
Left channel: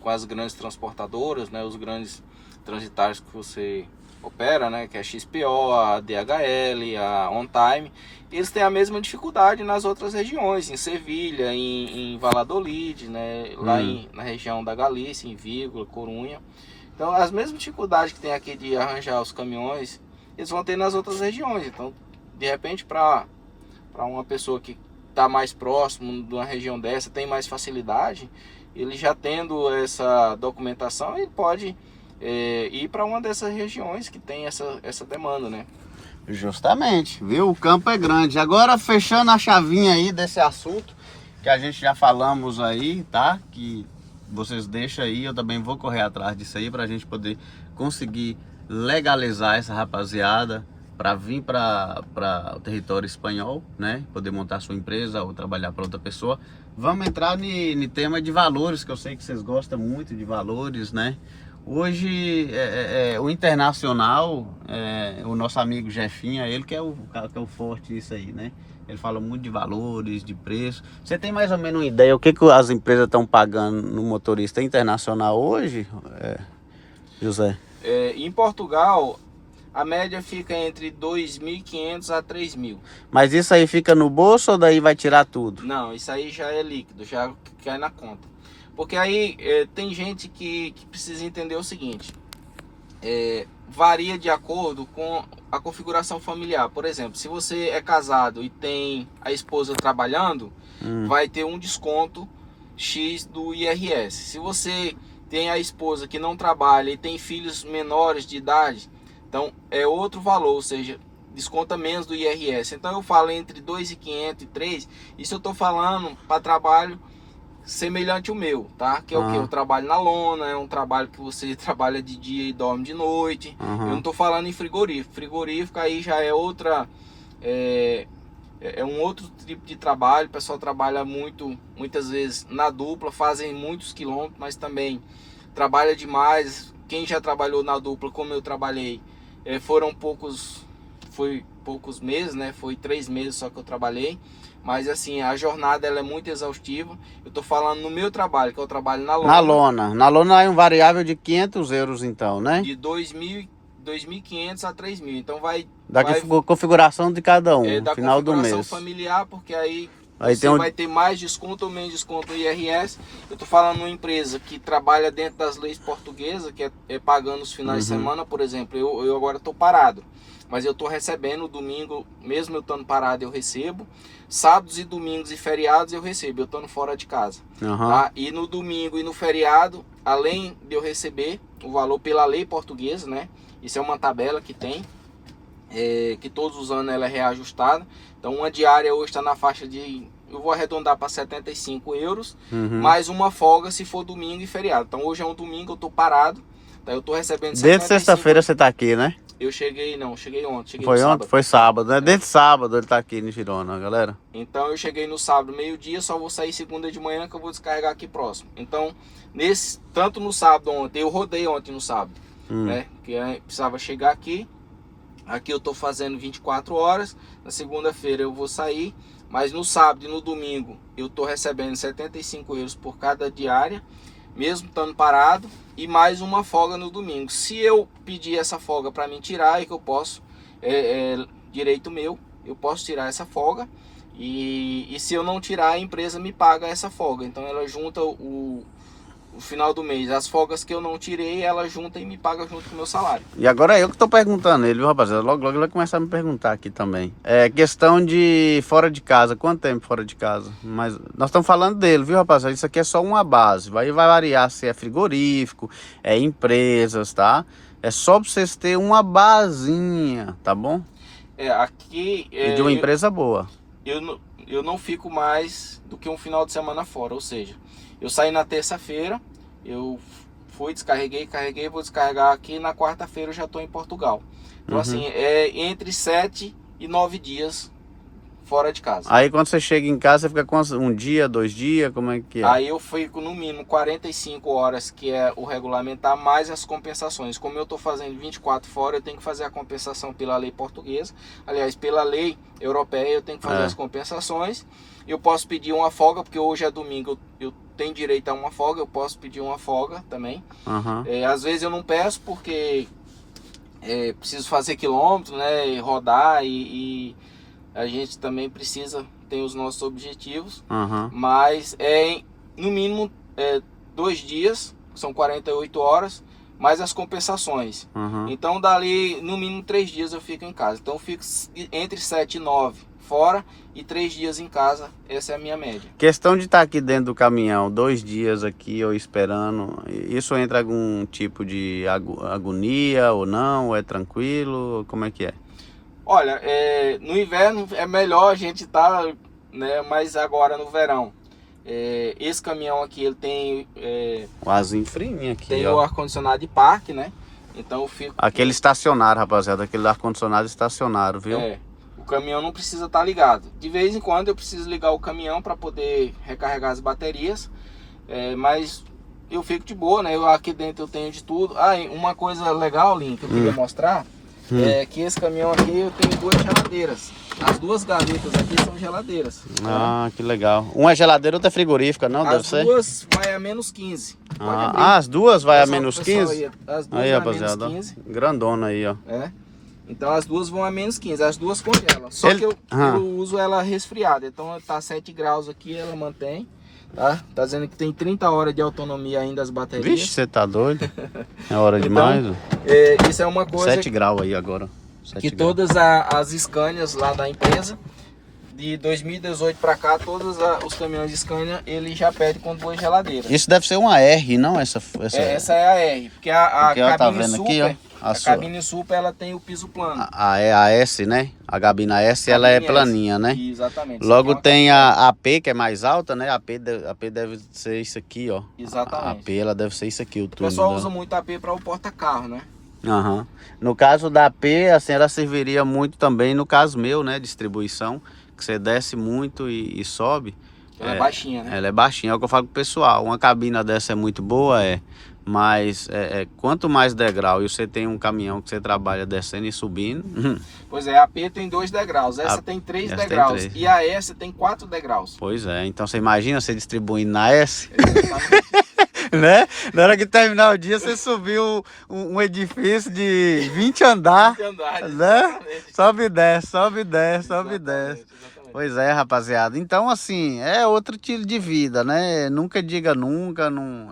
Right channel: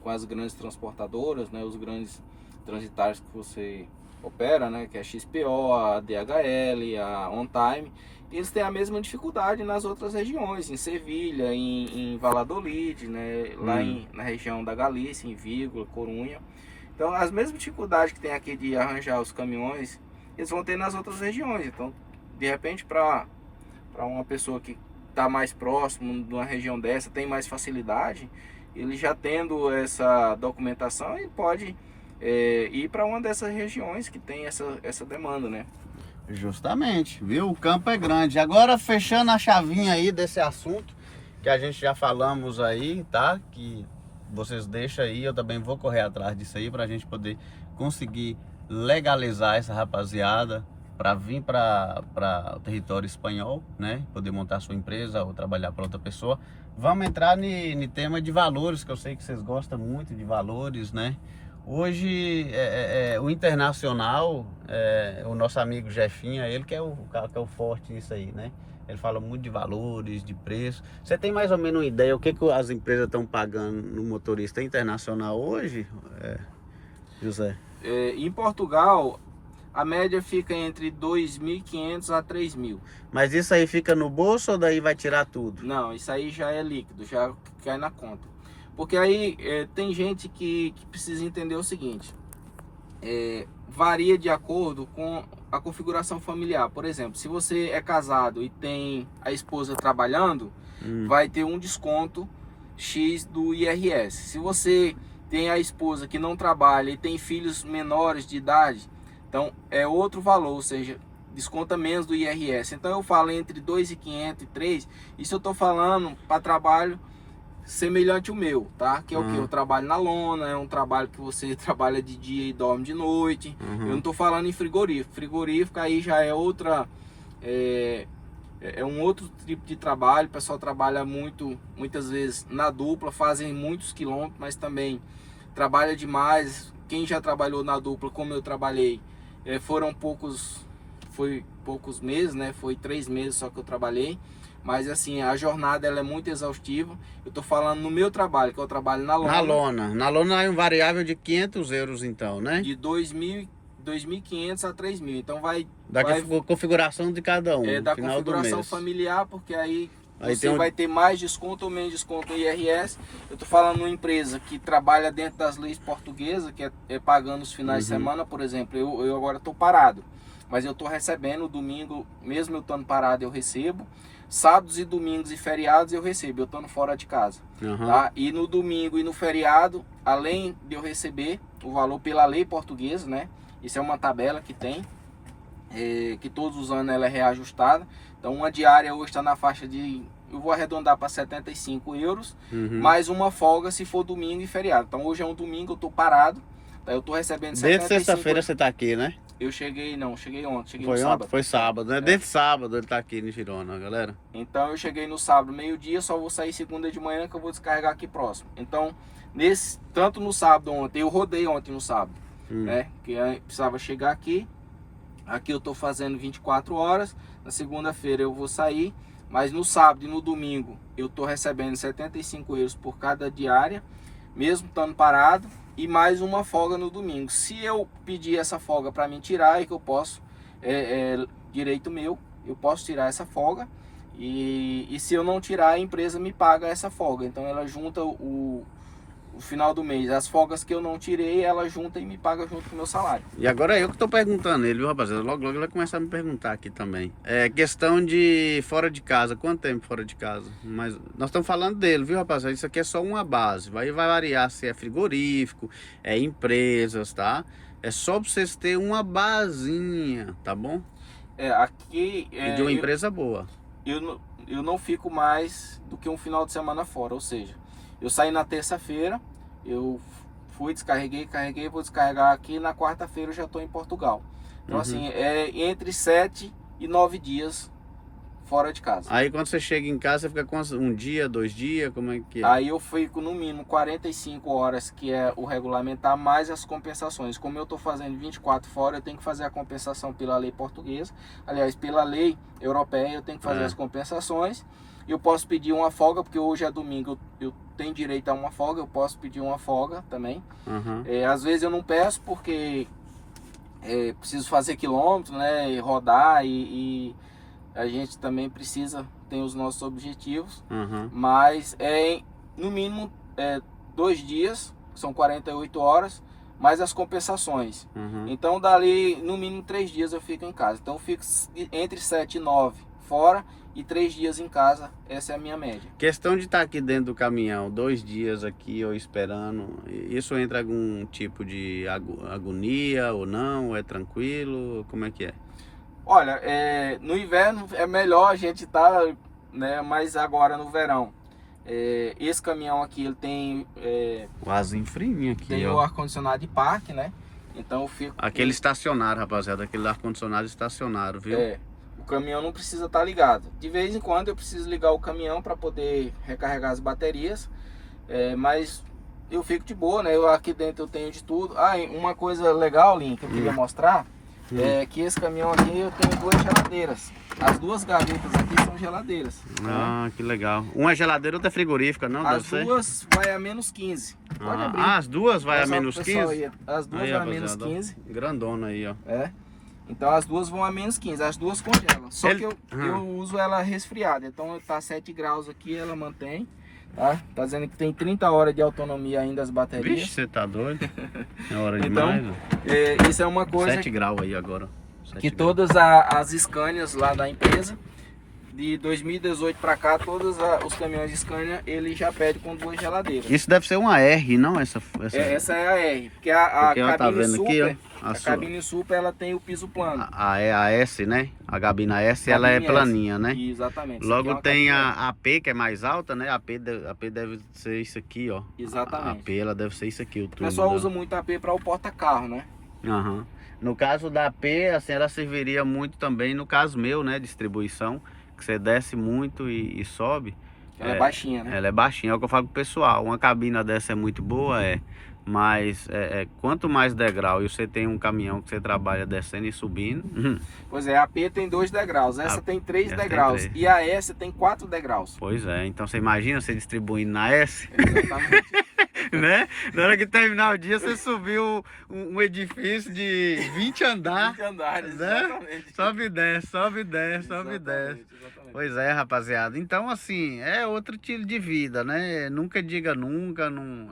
com as grandes transportadoras, né? Os grandes transitários que você opera, né, que é a XPO, a DHL, a On Time, eles têm a mesma dificuldade nas outras regiões, em Sevilha, em Valladolid, né, lá na região da Galícia, em Vigo, Corunha. Então, as mesmas dificuldades que tem aqui de arranjar os caminhões, eles vão ter nas outras regiões. Então, de repente, para uma pessoa que está mais próximo de uma região dessa, tem mais facilidade, ele já tendo essa documentação, ele pode ir para uma dessas regiões que tem essa demanda, né? Justamente, viu? O campo é grande. Agora, fechando a chavinha aí desse assunto que a gente já falamos aí, tá? Que vocês deixam aí, eu também vou correr atrás disso aí para a gente poder conseguir legalizar essa rapaziada para vir para o território espanhol, né? Poder montar sua empresa ou trabalhar para outra pessoa. Vamos entrar no tema de valores, que eu sei que vocês gostam muito de valores, né? Hoje, o internacional, o nosso amigo Jefinho, ele que é o forte nisso aí, né? Ele fala muito de valores, de preço. Você tem mais ou menos uma ideia o que as empresas estão pagando no motorista internacional hoje, José? Em Portugal, a média fica entre 2.500 a 3.000. Mas isso aí fica no bolso ou daí vai tirar tudo? Não, isso aí já é líquido, já cai na conta. Porque aí tem gente que precisa entender o seguinte, varia de acordo com a configuração familiar. Por exemplo, se você é casado e tem a esposa trabalhando, vai ter um desconto X do IRS. Se você tem a esposa que não trabalha e tem filhos menores de idade, então é outro valor, ou seja, desconta menos do IRS. Então eu falo entre 2.500 e 3, isso eu estou falando para trabalho semelhante ao meu, tá? Que é o que? Eu trabalho na lona, é um trabalho que você trabalha de dia e dorme de noite. Eu não tô falando em frigorífico. Frigorífico aí já é outra... É um outro tipo de trabalho. O pessoal trabalha muitas vezes na dupla, fazem muitos quilômetros, mas também trabalha demais. Quem já trabalhou na dupla, como eu trabalhei, foram poucos meses, né? Foi 3 meses só que eu trabalhei. Mas assim, a jornada ela é muito exaustiva. Eu tô falando no meu trabalho, que eu trabalho na lona. Na lona. Na lona é um variável de 500 euros então, né? De 2.500 a 3.000. Então vai... configuração de cada um, da final do mês. configuração familiar, porque aí você tem vai ter mais desconto ou menos desconto no IRS. Eu tô falando de uma empresa que trabalha dentro das leis portuguesas, que é pagando os finais de semana, por exemplo. Eu agora tô parado, mas eu tô recebendo domingo, mesmo eu estando parado, eu recebo. Sábados e domingos e feriados eu recebo, eu estando fora de casa. Tá? E no domingo e no feriado, além de eu receber o valor pela lei portuguesa, né? Isso é uma tabela que tem, que todos os anos ela é reajustada. Então uma diária hoje está na faixa de, eu vou arredondar para 75 euros, mais uma folga se for domingo e feriado. Então hoje é um domingo, eu estou parado, tá? Eu estou recebendo 75. Desde sexta-feira você está aqui, né? Eu cheguei ontem, cheguei Foi no sábado. Foi sábado, né? Desde sábado ele tá aqui no Girona, galera. Então eu cheguei no sábado, meio-dia, só vou sair segunda de manhã que eu vou descarregar aqui próximo. Então, tanto no sábado ontem, eu rodei ontem no sábado, né? Porque eu precisava chegar aqui. Aqui eu tô fazendo 24 horas, na segunda-feira eu vou sair, mas no sábado e no domingo eu tô recebendo 75 euros por cada diária, mesmo estando parado. E mais uma folga no domingo. Se eu pedir essa folga para mim tirar, é que eu posso, direito meu, eu posso tirar essa folga E se eu não tirar, a empresa me paga essa folga. Então ela junta o final do mês, as folgas que eu não tirei, ela junta e me paga junto com o meu salário. E agora eu que tô perguntando ele, viu, rapaziada? Logo ele vai começar a me perguntar aqui também. É questão de fora de casa. Quanto tempo fora de casa? Mas nós estamos falando dele, viu, rapaziada? Isso aqui é só uma base. Vai variar se é frigorífico, é empresas, tá? É só pra vocês terem uma basinha, tá bom? Aqui... E de uma empresa boa. Eu não fico mais do que um final de semana fora, ou seja, eu saí na terça-feira, eu fui, carreguei, vou descarregar aqui, na quarta-feira eu já estou em Portugal. Então assim, é entre 7 e 9 dias fora de casa. Aí quando você chega em casa, você fica com um dia, 2 dias, como é que é? Aí eu fico no mínimo 45 horas, que é o regulamentar, mais as compensações. Como eu estou fazendo 24 fora, eu tenho que fazer a compensação pela lei portuguesa. Aliás, pela lei europeia, eu tenho que fazer as compensações. Eu posso pedir uma folga, porque hoje é domingo, eu tenho direito a uma folga, eu posso pedir uma folga também. Às vezes eu não peço, porque preciso fazer quilômetros, né, rodar e a gente também precisa, tem os nossos objetivos, mas no mínimo 2 dias, são 48 horas, mais as compensações. Então dali, no mínimo 3 dias eu fico em casa. Então eu fico entre 7 e 9 fora e 3 dias em casa, essa é a minha média. Questão de estar aqui dentro do caminhão, 2 dias aqui ou esperando, isso entra algum tipo de agonia ou não? Ou é tranquilo? Como é que é? Olha, no inverno é melhor a gente estar, né, mas agora no verão. Esse caminhão aqui, ele tem... o arzinho frio aqui, tem ó. o ar-condicionado de parque, né? Então eu fico... Aquele estacionário, rapaziada, aquele ar-condicionado estacionário, viu? O caminhão não precisa estar ligado. De vez em quando eu preciso ligar o caminhão para poder recarregar as baterias, mas eu fico de boa, né? Aqui dentro eu tenho de tudo. Uma coisa legal, Lin, que eu queria mostrar, é que esse caminhão aqui eu tenho 2 geladeiras. As 2 gavetas aqui são geladeiras. Ah, que legal. Uma é geladeira, outra é frigorífica, não? Deve ser? As 2 vai a menos 15. As 2 vai a Pessoal, menos pessoal 15? As 2 Aí, vai a menos rapaziada, 15. grandona aí, ó. Então as 2 vão a menos 15, as 2 congelam. Só que eu uso ela resfriada. Então tá 7 graus aqui, ela mantém. Tá dizendo que tem 30 horas de autonomia ainda as baterias. Vixe, você tá doido? É hora demais. Isso é uma coisa 7 graus aí agora. que todas as Scanias lá da empresa, de 2018 para cá, todos os caminhões de Scania, ele já pede com 2 geladeiras. Isso deve ser uma R, não? Essa é a R, porque a ela tá cabine vendo super, aqui, ó. A cabine super, ela tem o piso plano. A S, né? A gabina S, ela é planinha, né? Exatamente. Logo tem a AP, que é mais alta, né? A AP deve ser isso aqui, ó. Exatamente. A AP, ela deve ser isso aqui, o túnel. O pessoal usa muito a AP para o porta-carro, né? No caso da AP, assim, ela serviria muito também no caso meu, né? Distribuição, que você desce muito e sobe. Ela é baixinha, né? Ela é baixinha, é o que eu falo pro pessoal. Uma cabina dessa é muito boa, mas quanto mais degrau e você tem um caminhão que você trabalha descendo e subindo... Pois é, a AP tem 2 degraus, essa tem 3 degraus e a S tem 4 degraus. Pois é, então você imagina você distribuindo na S? Exatamente. Né? Na hora que terminar o dia, você subiu um edifício de 20 andares, 20 andares, né? exatamente. Sobe e desce, sobe e desce, sobe e desce. Exatamente. Pois é, rapaziada. Então, assim, é outro estilo de vida, né? Nunca diga nunca. Não,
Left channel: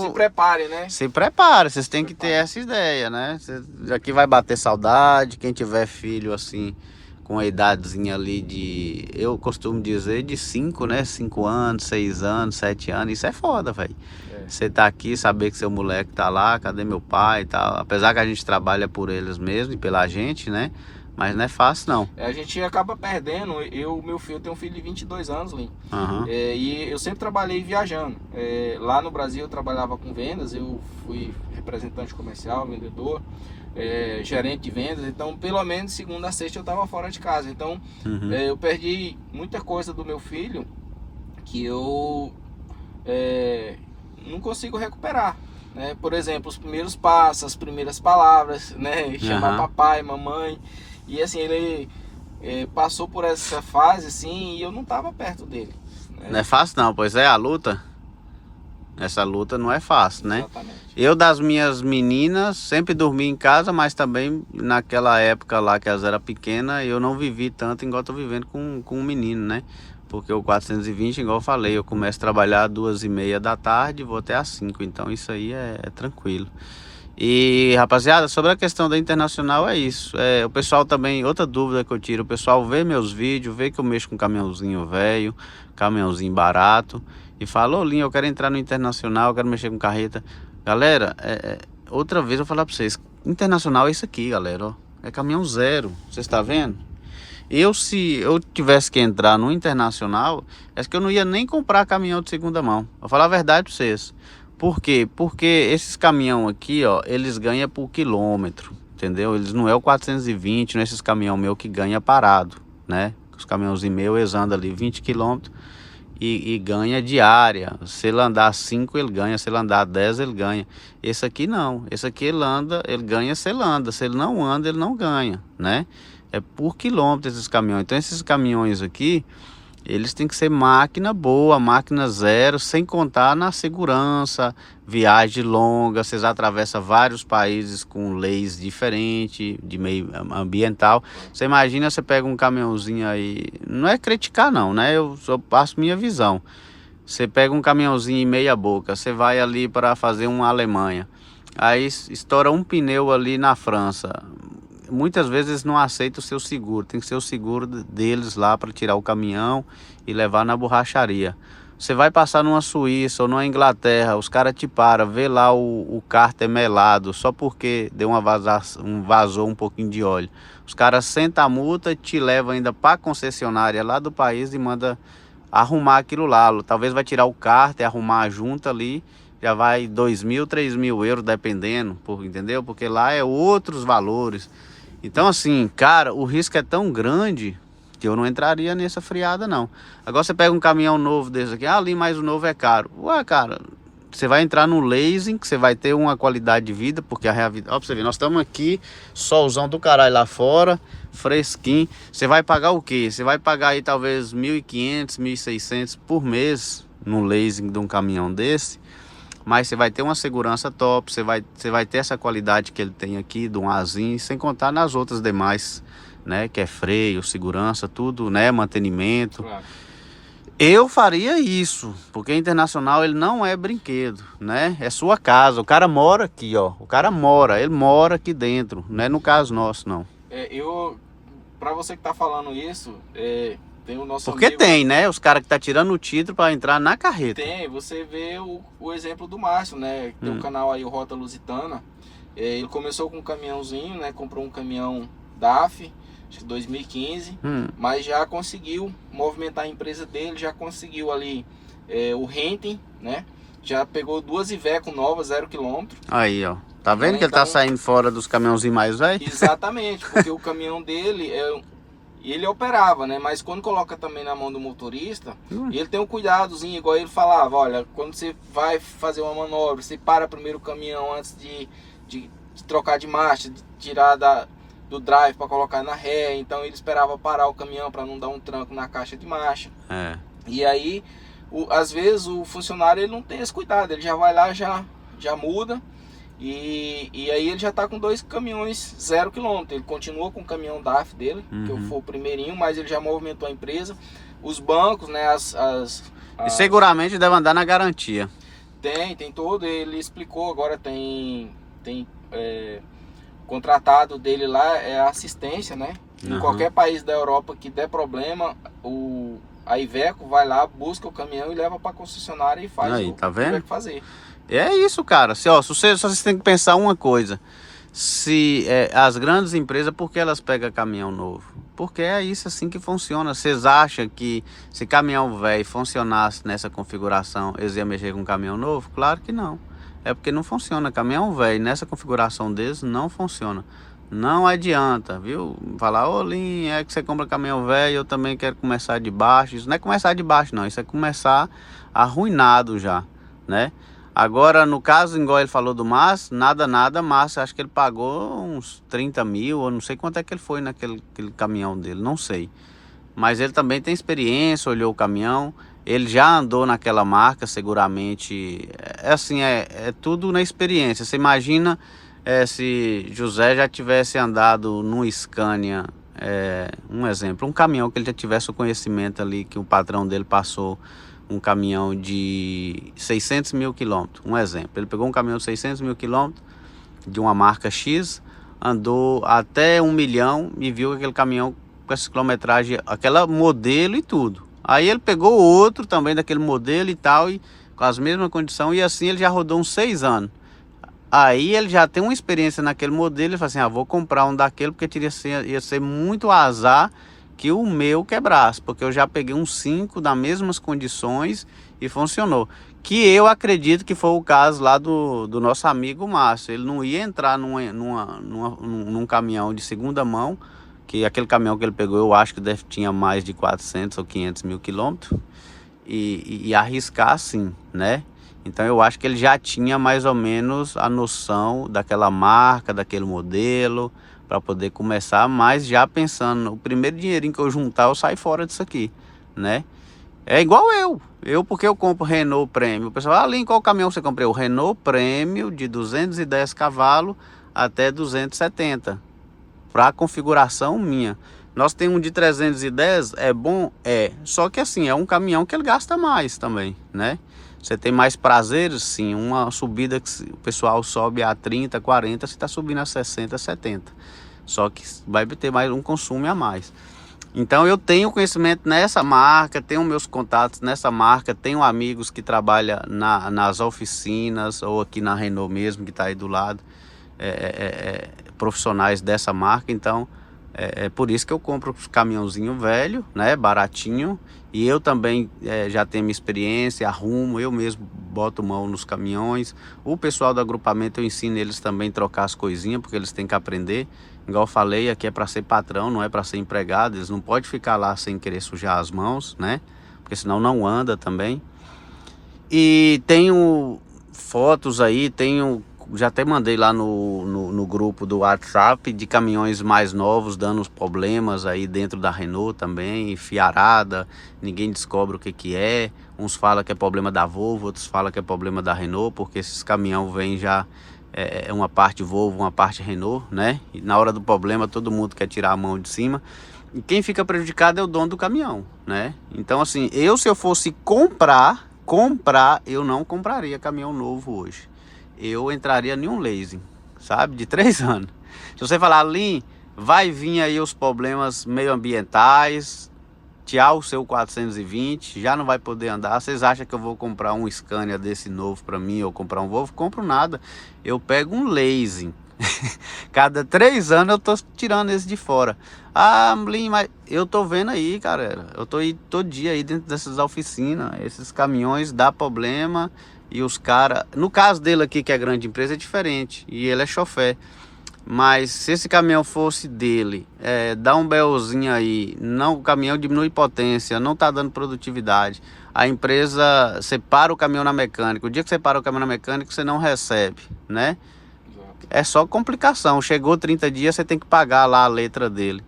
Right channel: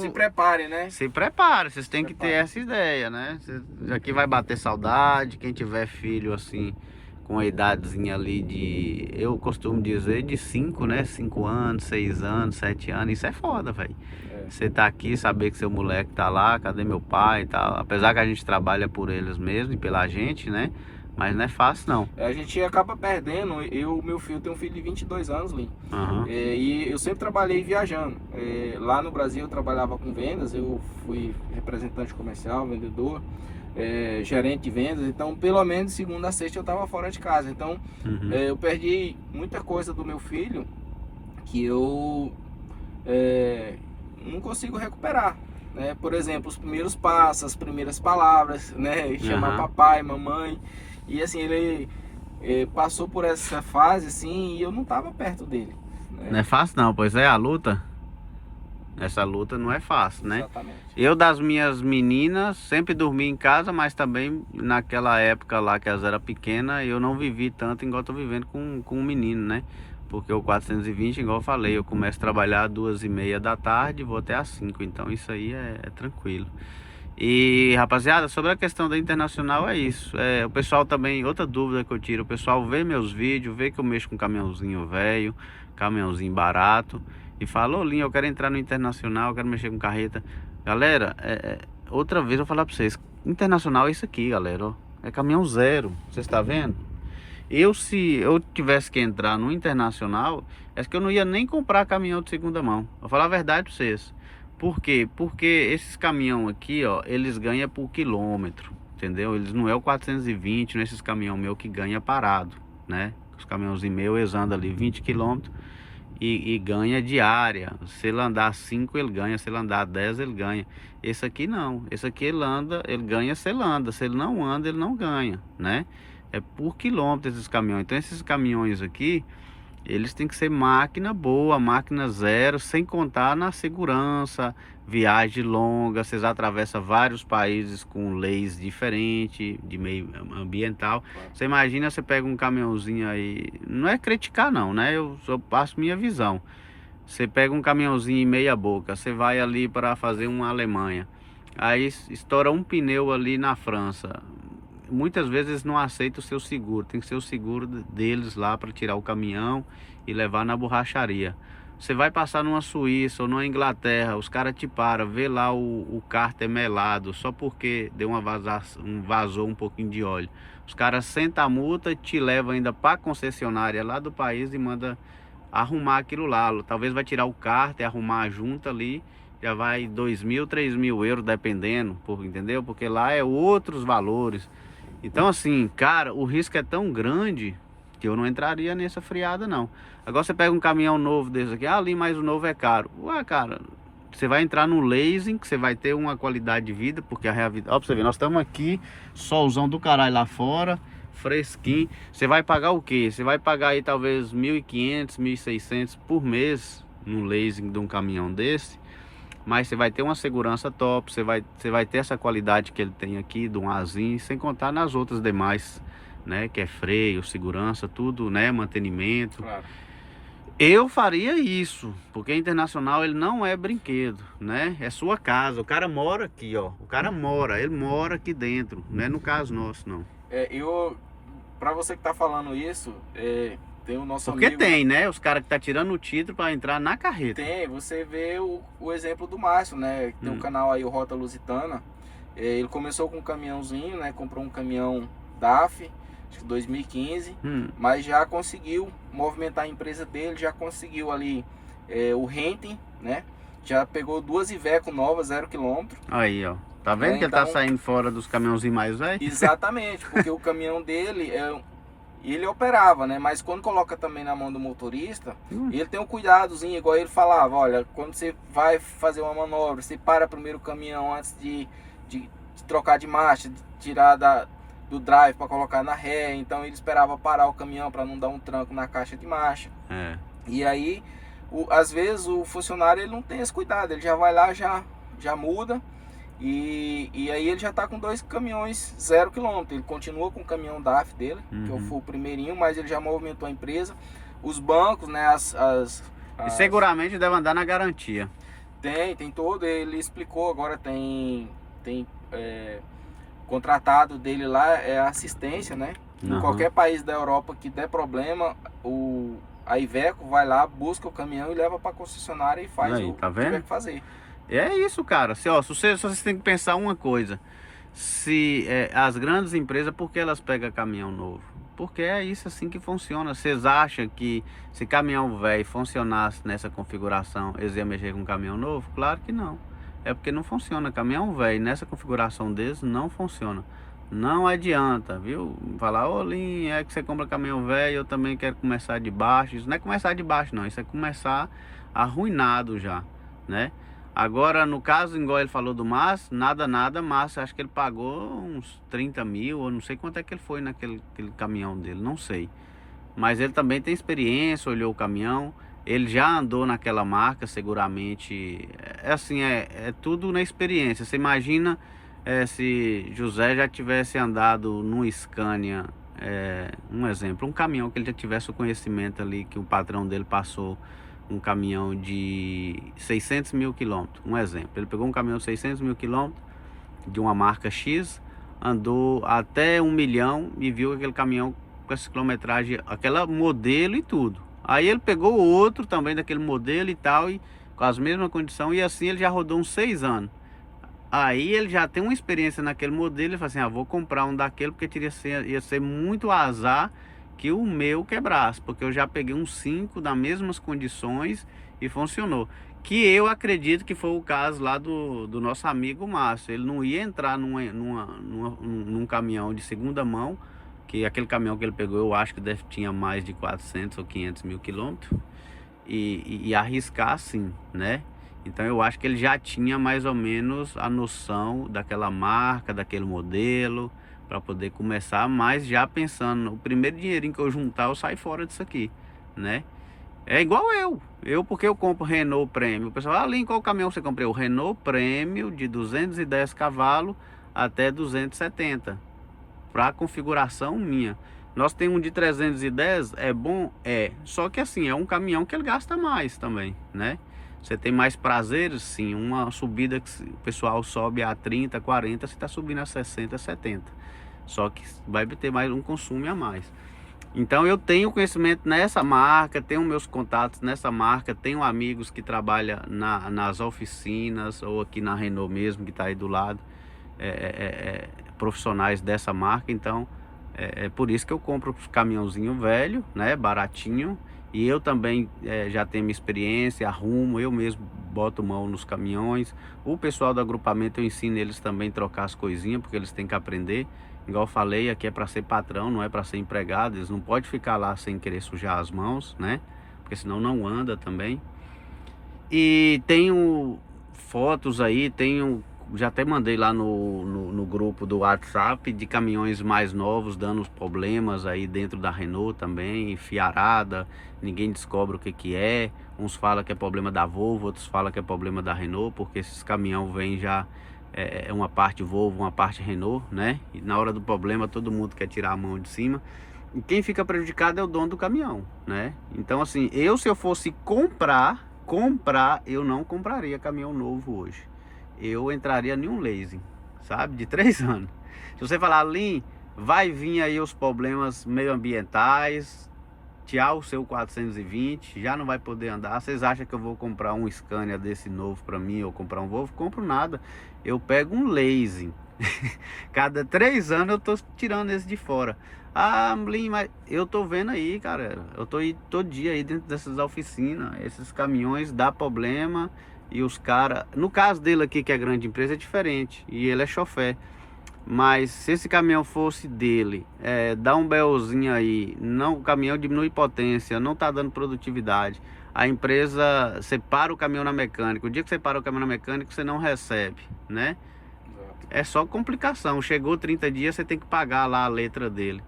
Se prepare, né? Se prepare, vocês têm que ter essa ideia, né? Aqui vai bater saudade. Quem tiver filho, assim, com a idadezinha ali de... Eu costumo dizer de 5, né? 5 anos, 6 anos, 7 anos. Isso é foda, velho. Você tá aqui, saber que seu moleque tá lá, cadê meu pai e tal. Apesar que a gente trabalha por eles mesmo e pela gente, né? Mas não é fácil, não. A gente acaba perdendo. Meu filho tem um filho de 22 anos, Lin. E eu sempre trabalhei viajando. Lá no Brasil eu trabalhava com vendas. Eu fui representante comercial, vendedor, gerente de vendas. Então, pelo menos segunda a sexta eu estava fora de casa. Então, eu perdi muita coisa do meu filho que eu não consigo recuperar. Né? Por exemplo, os primeiros passos, as primeiras palavras, né? Chamar papai, mamãe. E assim, ele passou por essa fase assim e eu não estava perto dele. Né? Não é fácil não, pois é, a luta. Essa luta não é fácil, né? Exatamente. Eu, das minhas meninas, sempre dormi em casa, mas também naquela época lá que elas eram pequenas, eu não vivi tanto igual tô vivendo com um menino, né? Porque o 420, igual eu falei, eu começo a trabalhar às 2h30 da tarde e vou até às 5, então isso aí é tranquilo. E, rapaziada, sobre a questão da Internacional é isso. O pessoal também, outra dúvida que eu tiro, o pessoal vê meus vídeos, vê que eu mexo com caminhãozinho velho, caminhãozinho barato, e fala: ô Linho, eu quero entrar no Internacional, eu quero mexer com carreta. Galera, outra vez eu vou falar pra vocês, Internacional é isso aqui, galera, ó. É caminhão zero, vocês estão vendo? Se eu tivesse que entrar no Internacional, é que eu não ia nem comprar caminhão de segunda mão. Vou falar a verdade pra vocês. Por quê? Porque esses caminhão aqui, ó, eles ganham por quilômetro, entendeu? Eles não é o 420, não é esses caminhão meu que ganha parado, né? Os caminhãozinhos meus, eles andam ali 20 quilômetros e ganha diária. Se ele andar 5, ele ganha. Se ele andar 10, ele ganha. Esse aqui não. Esse aqui ele anda, ele ganha se ele anda. Se ele não anda, ele não ganha, né? É por quilômetro esses caminhões. Então esses caminhões aqui, eles têm que ser máquina boa, máquina zero, sem contar na segurança, viagem longa, vocês atravessam vários países com leis diferentes, de meio ambiental. Você imagina, você pega um caminhãozinho aí, não é criticar não, né? Eu só passo minha visão. Você pega um caminhãozinho em meia boca, você vai ali para fazer uma Alemanha, aí estoura um pneu ali na França. Muitas vezes eles não aceitam o seu seguro, tem que ser o seguro deles lá para tirar o caminhão e levar na borracharia. Você vai passar numa Suíça ou numa Inglaterra, os caras te param, vê lá o cárter melado, só porque deu vazou um pouquinho de óleo. Os caras sentam a multa e te levam ainda para a concessionária lá do país e manda arrumar aquilo lá. Talvez vai tirar o cárter, arrumar a junta ali, já vai 2.000, 3.000 euros dependendo, entendeu? Porque lá é outros valores. Então assim, cara, o risco é tão grande que eu não entraria nessa friada não. Agora você pega um caminhão novo desse aqui, ali mais o novo é caro. Ué, cara, você vai entrar no leasing, que você vai ter uma qualidade de vida, porque a realidade... Ó, pra você ver, nós estamos aqui, solzão do caralho lá fora, fresquinho. Você vai pagar o quê? Você vai pagar aí talvez 1.500, 1.600 por mês no leasing de um caminhão desse. Mas você vai ter uma segurança top, você vai ter essa qualidade que ele tem aqui, de um Azinho, sem contar nas outras demais, né? Que é freio, segurança, tudo, né? Mantenimento. Claro. Eu faria isso, porque Internacional ele não é brinquedo, né? É sua casa, o cara mora aqui, ó. Ele mora aqui dentro, não é no caso nosso, não. Pra você que tá falando isso, tem o nosso Porque amigo... tem, né? Os caras que tá tirando o título para entrar na carreta. Tem, você vê o exemplo do Márcio, né? Tem um canal aí, o Rota Lusitana. Ele começou com um caminhãozinho, né? Comprou um caminhão DAF, acho que 2015. Mas já conseguiu movimentar a empresa dele, já conseguiu ali o renting, né? Já pegou 2 Iveco novas, 0 km. Aí, ó. Tá vendo que ele tá saindo fora dos caminhãozinhos mais velhos? Exatamente, porque o caminhão dele ele operava, né? Mas quando coloca também na mão do motorista, ele tem um cuidadozinho, igual ele falava: olha, quando você vai fazer uma manobra, você para primeiro o caminhão antes de trocar de marcha, de tirar do drive para colocar na ré. Então ele esperava parar o caminhão para não dar um tranco na caixa de marcha. E aí, às vezes o funcionário ele não tem esse cuidado, ele já vai lá, já muda. E aí ele já tá com 2 caminhões 0 km. Ele continua com o caminhão DAF dele, que eu fui o primeirinho, mas ele já movimentou a empresa. Os bancos, né? E seguramente deve andar na garantia. Tem todo, ele explicou, agora tem contratado dele lá, é assistência, né? Em qualquer país da Europa que der problema, a Iveco vai lá, busca o caminhão e leva para a concessionária e faz aí, tá vendo? Que tiver que fazer. É isso, cara. Só vocês têm que pensar uma coisa. As grandes empresas, por que elas pegam caminhão novo? Porque é isso assim que funciona. Vocês acham que se caminhão velho funcionasse nessa configuração, eles iam mexer com caminhão novo? Claro que não. É porque não funciona. Caminhão velho nessa configuração deles não funciona. Não adianta, viu? Falar: ô Linho, é que você compra caminhão velho, eu também quero começar de baixo. Isso não é começar de baixo não, isso é começar arruinado já, né? Agora, no caso, igual ele falou do Márcio, nada, Márcio, acho que ele pagou uns 30 mil, ou não sei quanto é que ele foi naquele caminhão dele, não sei. Mas ele também tem experiência, olhou o caminhão. ele já andou naquela marca, seguramente. É assim, é tudo na experiência. Você imagina se José já tivesse andado num Scania, um exemplo, um caminhão que ele já tivesse o conhecimento ali, que o patrão dele passou um caminhão de 600 mil quilômetros, um exemplo. Ele pegou um caminhão de 600 mil quilômetros, de uma marca X, andou até 1 milhão e viu aquele caminhão com essa quilometragem, aquela modelo e tudo. Aí ele pegou outro também daquele modelo e tal, e com as mesmas condições, e assim ele já rodou uns 6 anos. Aí ele já tem uma experiência naquele modelo, ele fala assim, vou comprar um daquele, porque ia ser muito azar que o meu quebrasse, porque eu já peguei uns 5 das mesmas condições e funcionou. Que eu acredito que foi o caso lá do nosso amigo Márcio. Ele não ia entrar num caminhão de segunda mão, que aquele caminhão que ele pegou, eu acho que tinha mais de 400 ou 500 mil quilômetros, e arriscar assim, né? Então eu acho que ele já tinha mais ou menos a noção daquela marca, daquele modelo, para poder começar, mas já pensando, o primeiro dinheirinho que eu juntar, eu saio fora disso aqui, né? É igual eu porque eu compro Renault Premium. O pessoal, Lin, qual caminhão você comprou? O Renault Premium de 210 cavalos até 270. Para configuração minha. Nós temos um de 310, é bom? É. Só que assim, é um caminhão que ele gasta mais também, né? Você tem mais prazeres, sim. Uma subida que o pessoal sobe a 30, 40, você está subindo a 60, 70. Só que vai ter mais um consumo a mais. Então eu tenho conhecimento nessa marca, tenho meus contatos nessa marca, tenho amigos que trabalham nas oficinas ou aqui na Renault mesmo, que está aí do lado, profissionais dessa marca. Então é por isso que eu compro os caminhãozinho velho, né, baratinho, e eu também já tenho minha experiência, arrumo, eu mesmo boto mão nos caminhões. O pessoal do agrupamento eu ensino eles também a trocar as coisinhas, porque eles têm que aprender. Igual eu falei, aqui é para ser patrão, não é para ser empregado. Eles não podem ficar lá sem querer sujar as mãos, né? Porque senão não anda também. E tenho fotos aí, já até mandei lá no grupo do WhatsApp de caminhões mais novos dando os problemas aí dentro da Renault também, fiarada, ninguém descobre o que é. Uns falam que é problema da Volvo, outros falam que é problema da Renault, porque esses caminhões vêm já uma parte Volvo, uma parte Renault, né? E na hora do problema todo mundo quer tirar a mão de cima. E quem fica prejudicado é o dono do caminhão, né? Então assim, se eu fosse comprar, eu não compraria caminhão novo hoje. Eu entraria em um leasing, sabe? De 3 anos. Se você falar, Lin, vai vir aí os problemas meioambientais, tchau o seu 420, já não vai poder andar. Vocês acham que eu vou comprar um Scania desse novo para mim, ou comprar um Volvo? Compro nada. Eu pego um leasing. Cada 3 anos eu tô tirando esse de fora. Lin, mas eu tô vendo aí, cara. Eu tô aí todo dia aí dentro dessas oficinas. Esses caminhões dá problema. E os caras, no caso dele aqui, que é grande empresa, é diferente. E ele é chofé. Mas se esse caminhão fosse dele, dá um BOzinho aí, o caminhão diminui potência, não tá dando produtividade. A empresa separa o caminhão na mecânica. O dia que você para o caminhão na mecânica, você não recebe, né? Exato. É só complicação. Chegou 30 dias, você tem que pagar lá a letra dele,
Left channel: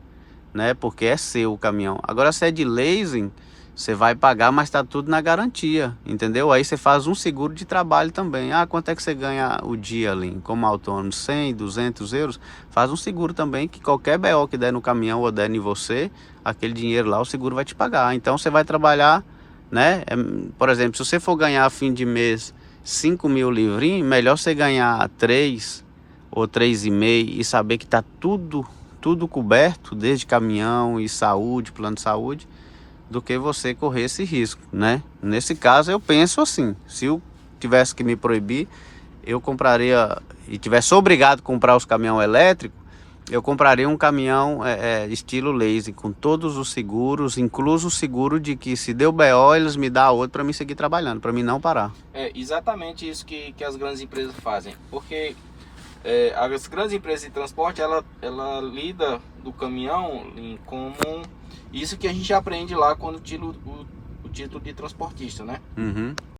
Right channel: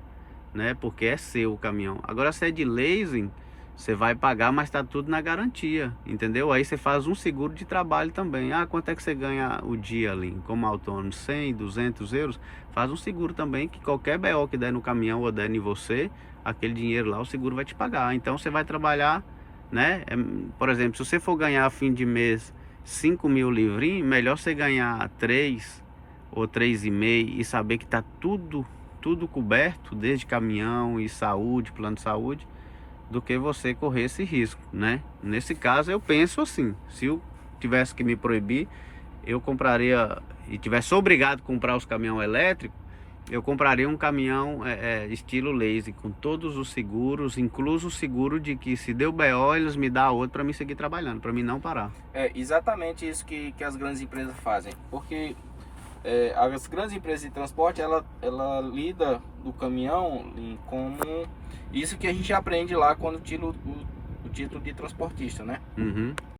né? Porque é seu o caminhão. Agora, se é de leasing, você vai pagar, mas tá tudo na garantia, entendeu? Aí você faz um seguro de trabalho também. Quanto é que você ganha o dia ali, como autônomo? 100, 200 euros? Faz um seguro também, que qualquer BO que der no caminhão ou der em você, aquele dinheiro lá, o seguro vai te pagar. Então você vai trabalhar, né? Por exemplo, se você for ganhar a fim de mês 5 mil livrinhos, melhor você ganhar 3 ou 3,5 e saber que tá tudo coberto, desde caminhão e saúde, plano de saúde, do que você correr esse risco, né? Nesse caso eu penso assim, se eu tivesse que me proibir, eu compraria, e tivesse obrigado a comprar os caminhões elétricos, eu compraria um caminhão estilo leasing, com todos os seguros, incluso o seguro de que se deu BO, eles me dão outro para mim seguir trabalhando, para mim não parar. É exatamente isso que as grandes empresas fazem, porque as grandes empresas de transporte, ela lida do caminhão como isso que a gente aprende lá quando tira o título de transportista, né? Uhum.